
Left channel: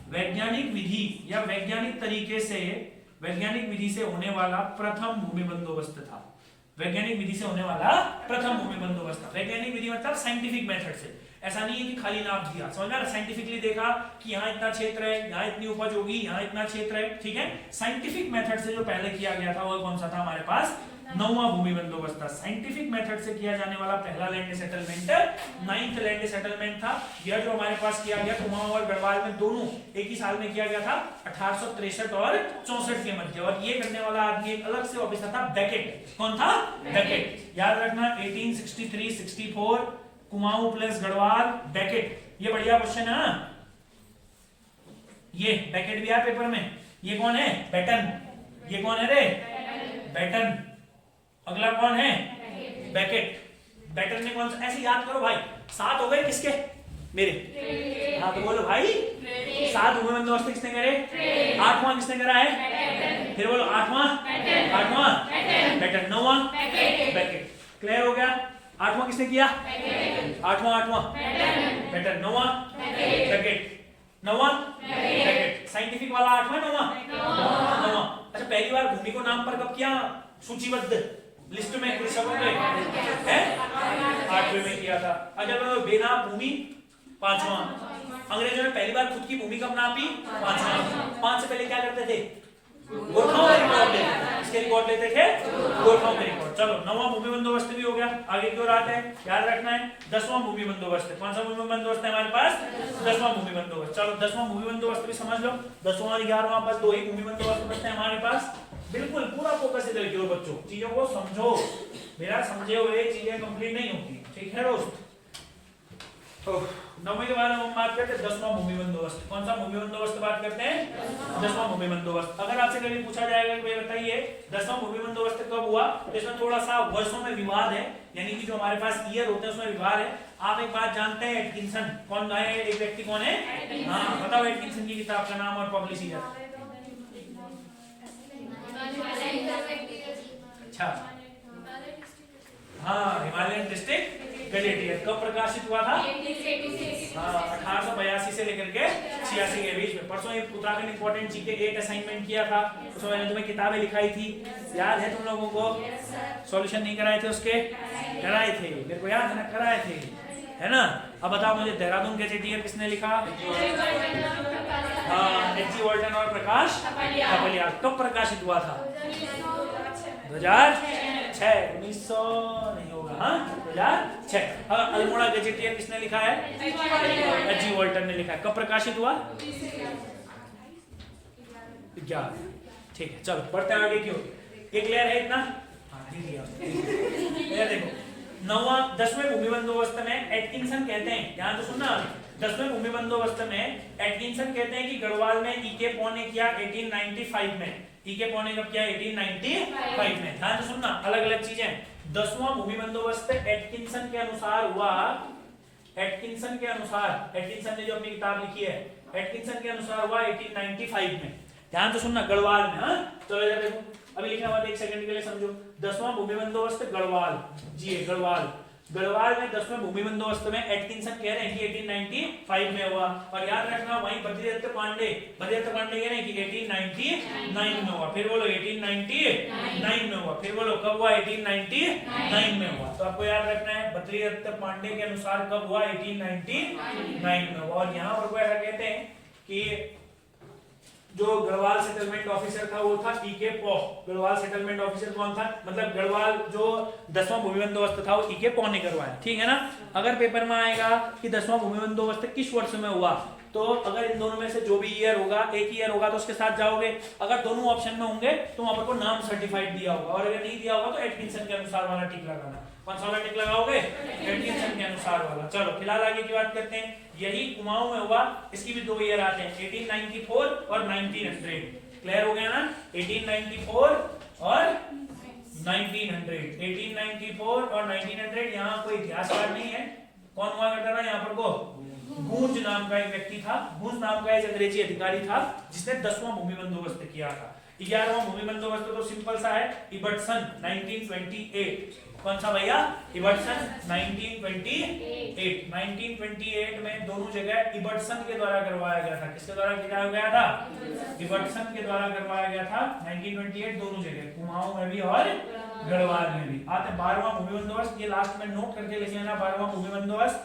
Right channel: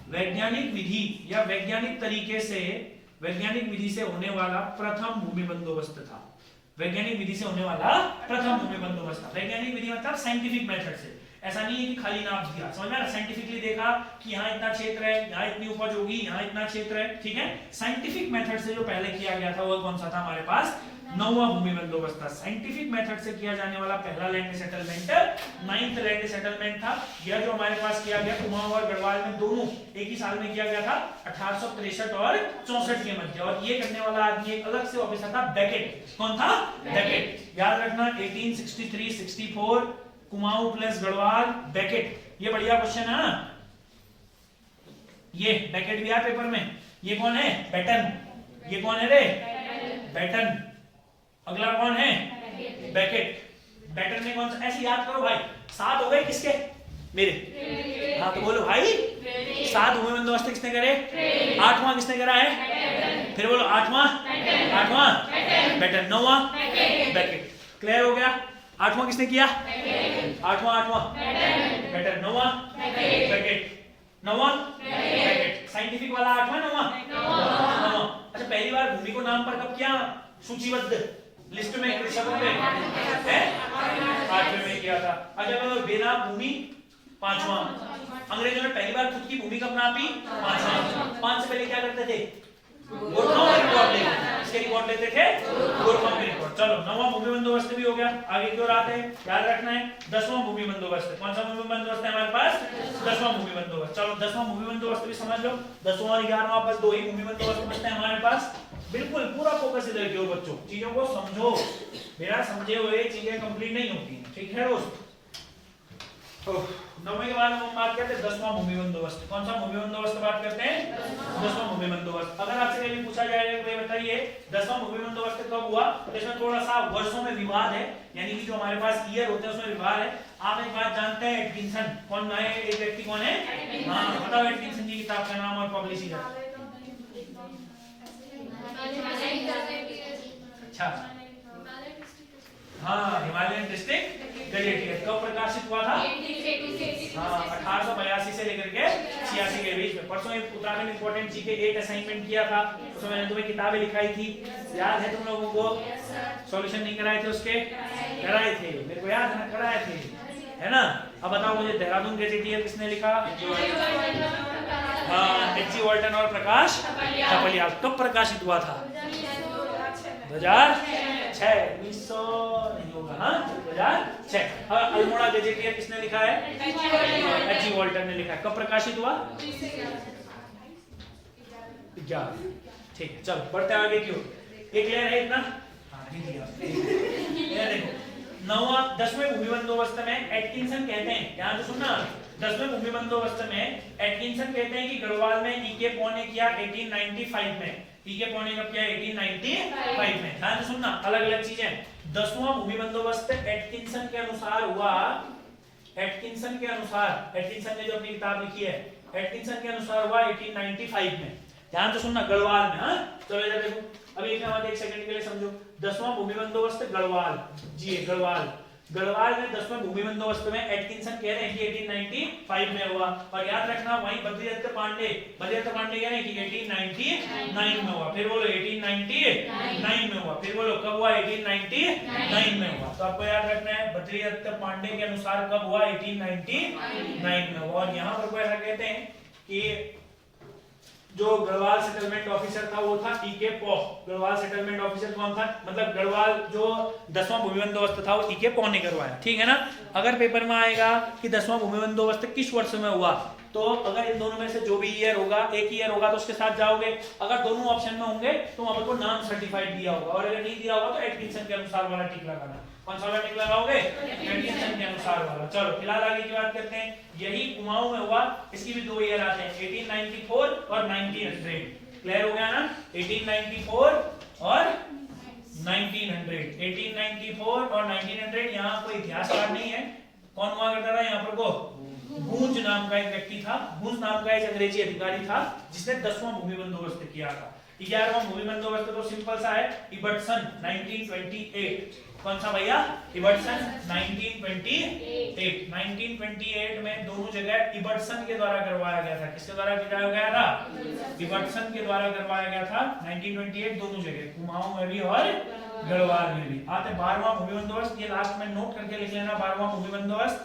वैज्ञानिक विधि या वैज्ञानिक तरीके से, वैज्ञानिक विधि से होने वाला प्रथम भूमि बंदोबस्त था। वैज्ञानिक विधि से होने वाला प्रथम भूमि बंदोबस्त था। वैज्ञानिक विधि मतलब साइंटिफिक मेथड से। ऐसा नहीं है कि खाली नाप दिया, समझ में? साइंटिफिकली देखा कि यहाँ इतना क्षेत्र है, यहाँ इतनी उपज होगी, यहाँ इतना क्षेत्र है, ठीक है। साइंटिफिक मेथड से जो पहले किया गया था वो कौन सा था हमारे पास? 9वां भूमि बंदोबस्त था। साइंटिफिक मेथड से किया जाने वाला पहला land settlement 9th land settlement था। यह जो हमारे पास किया गया कुमाऊं और गढ़वाल में दोनों एक ही साल में किया गया था, 1863 और 64 के मध्य। और ये करने वाला आदमी एक अलग से ऑफिसर था, बेकेट। कौन था? बेकेट। याद रखना 1863-64 कुमाऊं प्लस गढ़वाल, बेकेट। ये बढ़िया क्वेश्चन है ना, ये बेकेट भी आया पेपर में। ये कौन है? बेटन। ये कौन है रे? बेटन। अगला कौन है? बेकेट। बेटन ने कौन सा? ऐसे याद करो भाई, 7 हो गए किसके? मेरे। हाँ तो बोलो भाई, 7 भूमि बंदोबस्त किसने करे? 8वां किसने करा है? फिर बोलो 8वां बेटन, 9वां बेकेट। क्लियर हो गया? 8वां किसने किया? 8वां बेटन, 9वां बेकेट, 9वां बेकेट। साइंटिफिक वाला 8वां 9वां। अच्छा, पहली बार भूमि को नाम पर कब किया सूचीबद्ध? लिस्ट में सब में है 8वें में किया था। अच्छा मैं बेनाम भूमि 5वां, अंग्रेजों ने पहली बार खुद की भूमि कब नापी 5वां। 5 से पहले क्या करते थे गोरखाओं का रिकॉर्ड लेते, इसके रिकॉर्ड लेते थे गोरखाओं के रिकॉर्ड। चलो 9वां भूमि बंदोबस्त भी हो गया, आगे की ओर आते हैं, याद रखना है 10वां भूमि बंदोबस्त। कौन सा भूमि बंदोबस्त है हमारे पास 10वां भूमि बंदोबस्त। चलो 10वां भूमि बंदोबस्त भी समझ लो, 10वां और 11वां बस दो ही भूमि बंदोबस्त बचते हैं हमारे पास। बिल्कुल पूरा फोकस इधर की ओर बच्चों, चीजों को समझो, बिना समझे हुए चीजें कंप्लीट नहीं होती, ठीक है दोस्त। 9वें के बाद हम बात करते हैं 10वां भूमि बंदोबस्त। कौन सा भूमि बंदोबस्त बात करते हैं 10वां भूमि बंदोबस्त। अगर आपसे कभी पूछा जाएगा कि भाई बताइए 10वां भूमि बंदोबस्त कब हुआ, तो इसमें थोड़ा सा वर्षों में विवाद है, यानी कि जो हमारे पास ईयर होते हैं उसमें विवाद है। आप एक बात जानते हैं एटकिंसन कौन है, एक व्यक्ति कौन है, हाँ बताओ एटकिंसन की किताब का नाम और पब्लिशर। अच्छा हाँ हिमालयन डिस्ट्रिक्ट गजेटियर कब प्रकाशित हुआ था, हाँ 1882 से लेकर के 86 के बीच में। परसों एक उत्तराखंड इंपॉर्टेंट जी के एक असाइनमेंट किया था, उसमें मैंने तुम्हें किताबें लिखाई थी, याद है तुम लोगों को, सॉल्यूशन नहीं कराए थे उसके, कराए थे मेरे को याद है ना, कराए थे है ना। अब बताओ मुझे देहरादून गजेटियर किसने लिखा, हाँ एच.जी. वॉल्टन और प्रकाश कपलियाल। कब प्रकाशित हुआ था 2006, 1900 नहीं होगा, हाँ 2006। अल्मोड़ा गजेटियर किसने लिखा है, एच.जी. वॉल्टन ने लिखा है। कब प्रकाशित हुआ 11, ठीक है। चलो बढ़ते आगे क्यों, एक क्लियर है इतना, ये देखो 10वें भूमि बंदोबस्त में एटकिंसन कहते हैं, ध्यान से सुनना, 10वें भूमि बंदोबस्त में एटकिंसन कहते हैं कि गढ़वाल में ईके पॉ ने किया 1895 में, ईके पॉ ने कब किया 1895 में, ध्यान से सुनना, अलग अलग चीजें। 10वां भूमि बंदोबस्त एटकिंसन के अनुसार हुआ, एटकिंसन के अनुसार, एटकिंसन ने जो अपनी किताब लिखी है, एटकिंसन के अनुसार हुआ 1895 में, ध्यान से सुनना, गढ़वाल में। हाँ चलो इधर देखो, अभी लिखा हुआ एक सेकंड के लिए समझो। 10वां भूमि बंदोबस्त गढ़वाल, जी गढ़वाल, गढ़वाल में 10वें भूमि बंदोबस्त में एटकिंसन कह रहे हैं कि 1895 में हुआ। और याद रखना वहीं बद्रीदत्त पांडे कह रहे हैं कि 1899 में हुआ। फिर बोलो 1899 में हुआ, फिर बोलो कब हुआ 1899 में हुआ। तो आपको याद रखना है बद्रीदत्त पांडे के अनुसार कब हुआ 1899 में हुआ। और यहाँ पर ऐसा कहते हैं कि जो गढ़वाल सेटलमेंट ऑफिसर था वो था ईके पॉ। गढ़वाल सेटलमेंट ऑफिसर कौन था, मतलब गढ़वाल जो 10वां भूमि बंदोबस्त था वो ईके पॉ ने करवाया, ठीक है ना। अगर पेपर में आएगा कि 10वां भूमि बंदोबस्त किस वर्ष में हुआ, तो अगर इन दोनों में से जो भी ईयर होगा, एक ईयर होगा तो उसके साथ जाओगे, अगर दोनों ऑप्शन में होंगे तो वहां पर को नाम सर्टिफाइड दिया होगा, और अगर नहीं दिया होगा तो एटकिंसन के अनुसार वाला टिक लगाना। कौन सा वाला टिक लगाओगे, एटकिंसन के अनुसार वाला। चलो फिलहाल आगे की बात करते हैं, यही कुमाऊं में हुआ, इसकी भी दो ईयर आते हैं 1894 और 1900, क्लियर हो गया ना, 1894 और 1900, 1894 और 1900। यहाँ कोई इतिहासकार नहीं है, कौन हुआ करता था यहाँ पर को, गूंज नाम का एक व्यक्ति था, गूंज नाम का एक अंग्रेजी अधिकारी था जिसने 10वां भूमि बंदोबस्त किया था। 11वां भूमि बंदोबस्त तो सिंपल सा है, इबर्टसन 1928। कौन सा भैया, इबर्टसन 1928। 1928 में दोनों जगह इबर्टसन के द्वारा करवाया गया था। किसके द्वारा करवाया गया था, इबर्टसन के द्वारा करवाया गया था 1928, दोनों जगह, कुमाऊं में भी और गढ़वाल में भी। आते 12वां भूमि बंदोबस्त, ये लास्ट में नोट करके लिख लेना। 12वां भूमि बंदोबस्त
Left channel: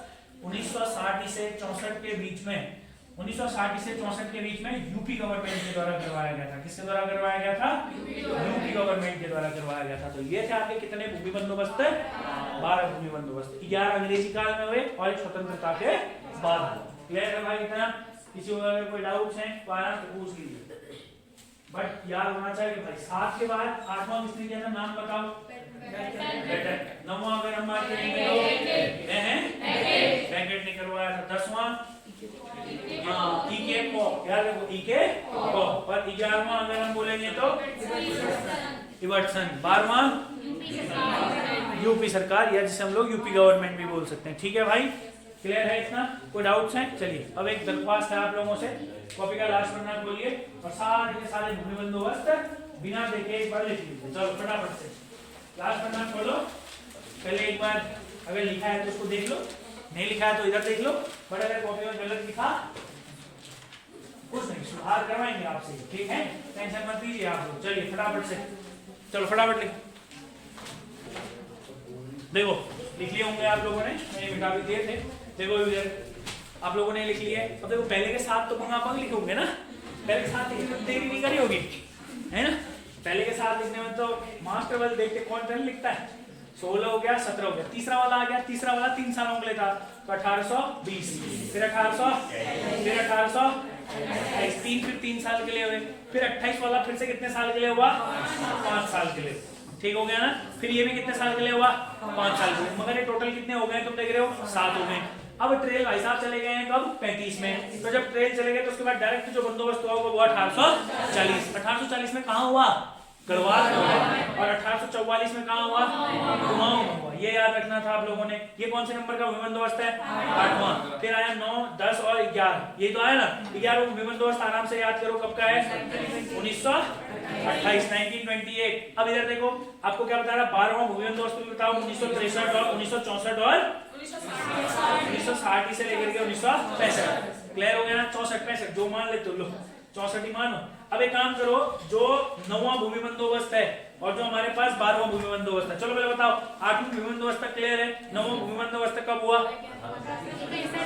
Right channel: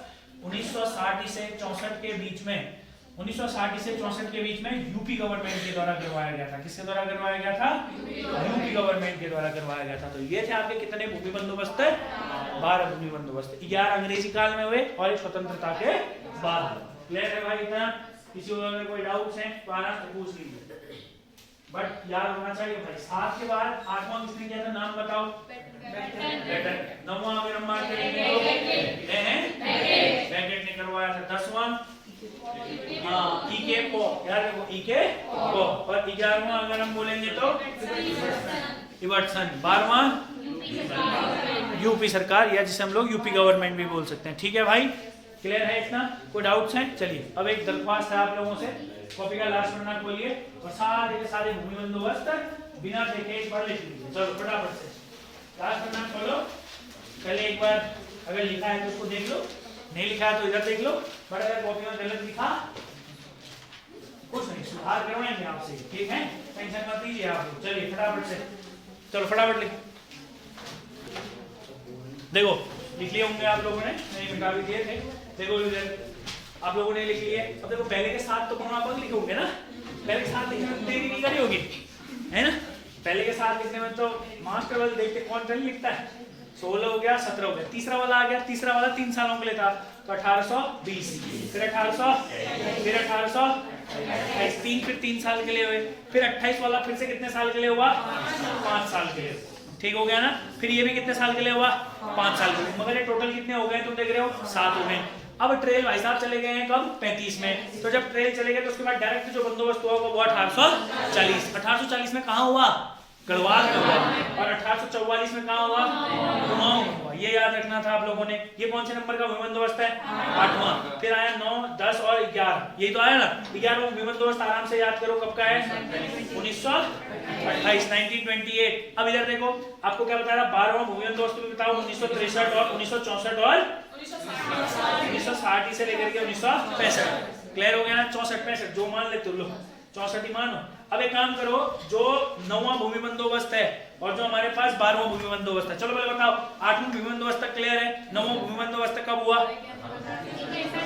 1960 से 64 के बीच में, 1960 से 64 के बीच में यूपी गवर्नमेंट के द्वारा करवाया गया था। किसके द्वारा करवाया गया था, यूपी गवर्नमेंट के द्वारा करवाया गया था। तो ये थे आपके कितने भूमि बंदोबस्त, 12 भूमि बंदोबस्त। 11 अंग्रेजी काल में हुए और एक स्वतंत्रता के बाद हुआ। क्लियर है भाई इतना, किसी को अगर कोई डाउट्स हैं तो आराम से पूछ लीजिए, बट याद होना चाहिए भाई। 7 के बाद 8वां किसने किया था, नाम बताओ। 9वां अगर हम बात करेंगे तो बैकेट ने करवाया था। 10वां हाँ ईके पॉ, याद रखो ईके पॉ। और 11वां अगर हम बोलेंगे तो इबर्टसन। 12वां यूपी सरकार, या जिसे हम लोग यूपी गवर्नमेंट भी बोल सकते हैं। ठीक है भाई, क्लियर है इतना, कोई डाउट्स हैं। चलिए अब एक दरख्वास्त है आप लोगों से, कॉपी का लास्ट पन्ना खोलिए और सारे के सारे भूमि बंदोबस्त बिना देखे एक बार लिख लीजिए। चलो फटाफट से लास्ट पन्ना खोलो, पहले एक बार अगर लिखा है तो उसको देख लो, नहीं लिखा है तो इधर देख लो। बट अगर कॉपी में गलत लिखा कुछ नहीं, सुधार करवाएंगे आपसे, ठीक है, टेंशन मत लीजिए आप लोग। चलिए फटाफट से, चलो फटाफट लिखो। देखो लिख लिए होंगे आप लोगों ने, नहीं मिटा भी दिए थे। देखो आप लोगों ने लिख लिए। अब देखो पहले के साथ तो आप लिखोगे ना, पहले के साथ लिखने में देरी नहीं करी होगी, है ना। पहले के साथ लिखने में तो मास्टर वाले देखते कौन पहले लिखता है। 16 हो गया, 17 हो गया, तीसरा वाला आ गया। तीसरा वाला 3 सालों के लिए था, तो 1820, फिर 1800, फिर 1828, 3 फिर 3 साल के लिए हुए। फिर 28 वाला फिर से कितने साल के लिए हुआ? 5 साल के लिए। ठीक हो गया ना। फिर ये भी कितने साल के लिए हुआ? 5 साल के लिए। मगर ये टोटल कितने हो गए तुम देख रहे हो? 7 हो गए। अब ट्रेल भाई साहब चले गए हैं कब? 35 में। तो जब ट्रेल चले गए तो उसके बाद डायरेक्ट जो बंदोबस्त हुआ वो 1840। 1840 में कहाँ हुआ? गढ़वाल में हुआ। और 1844 में कहाँ हुआ? कुमाऊं में हुआ। ये याद रखना था आप लोगों ने। ये कौन से नंबर का बंदोबस्त है? 8वां। फिर आया 9, 10 और 11, यही तो आया ना। 11वां बंदोबस्त आराम से याद करो कब का है? 1928, 1928। अब इधर देखो आपको क्या बता रहा? 12वां बंदोबस्त भी बताओ। 1963 और 1964 और 1960 से लेकर के 1965। क्लियर हो गया ना? 64 65 जो मान लेते हो लो, 64 ही मानो। अब एक काम करो, जो 9वां भूमि बंदोबस्त है और जो हमारे पास 12वां भूमि बंदोबस्त है, चलो पहले बताओ 8वां भूमि बंदोबस्त तक क्लियर है। 9वां भूमि बंदोबस्त कब हुआ?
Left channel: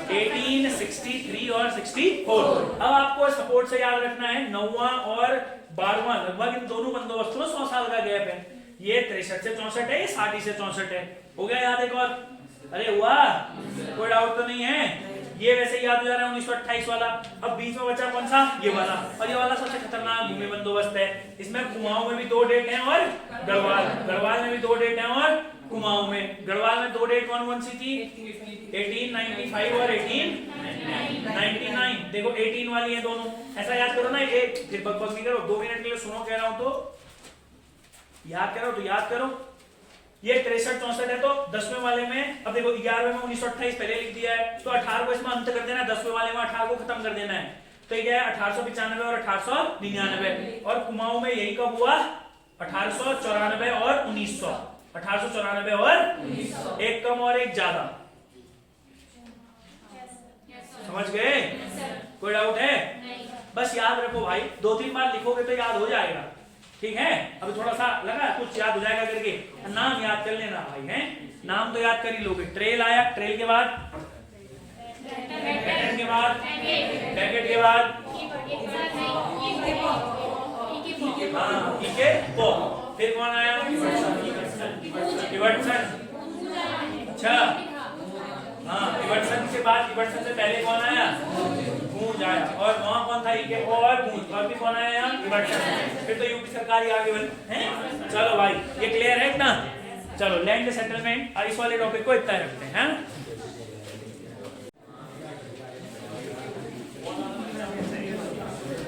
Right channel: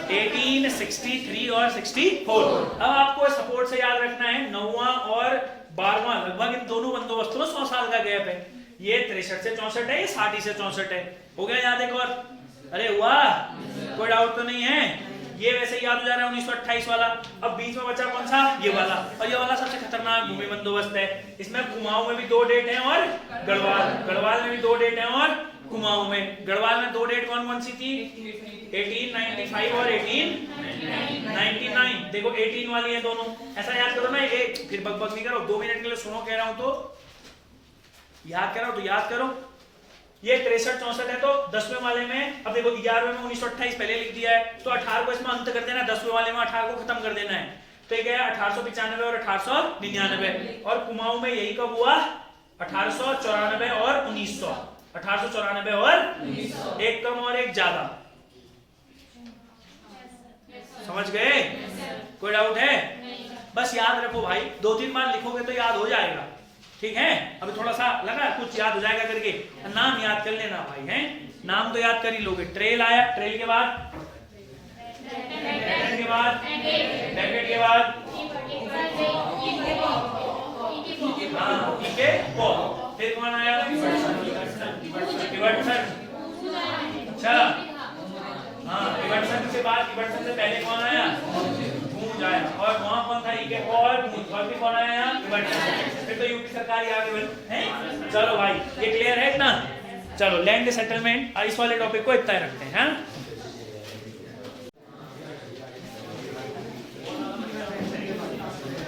1863 और 64। अब आपको सपोर्ट से याद रखना है 9वां और 12वां लगभग इन दोनों बंदोबस्तों में 100 साल का गैप है। ये 63 से 64 है, ये 60 से 64 है। हो गया याद एक और? अरे हुआ? कोई डाउट तो नहीं है? ये वैसे याद हो जा रहा है 1928 वाला। अब बीच में बचा कौन सा? ये वाला। और ये वाला सबसे खतरनाक भूमि बंदोबस्त है। इसमें कुमाऊं में भी 2 डेट हैं और गढ़वाल में भी 2 डेट हैं और कुमाऊं में। गढ़वाल में 2 डेट कौन कौन सी थी? 1895 और 1899। देखो 18 वाली है दोनों। ऐसा याद करो ना, ये फिर बकबक नहीं करो, 2 मिनट के लिए सुनो, कह रहा हूं तो याद करो, तो याद करो। ये 63 64 है तो 10वें वाले में, अब देखो 11वें में 1928 पहले लिख दिया है, तो 18 को इसमें अंत कर देना, 10वें वाले में 18 को खत्म कर देना है। तो ये क्या है? 1895 और 1899। और कुमाऊं में यही कब हुआ? 1894 और 1900। 1894 और 1900, एक कम और एक ज्यादा। समझ गए? कोई डाउट है? बस याद रखो भाई, 2-3 बार लिखोगे तो याद हो जाएगा। ठीक है? अभी थोड़ा सा लगा कुछ याद हो जाएगा करके, नाम याद कर लेना भाई, हैं? नाम तो याद कर ही लोगे। ट्रेल आया, ट्रेल के बाद डेकेड के बाद हाँ ठीक है। वो फिर कौन आया? इवर्टसन। अच्छा हाँ, इवर्टसन के बाद, इवर्टसन से पहले कौन आया? गूंज आया। और वहां कौन था? इके और गूंज। और भी कौन आया? इवर्टसन। फिर तो यूपी सरकार ही आगे बढ़ी है। चलो भाई ये क्लियर है ना? चलो लैंड सेटलमेंट इस वाले टॉपिक को इतना रखते हैं।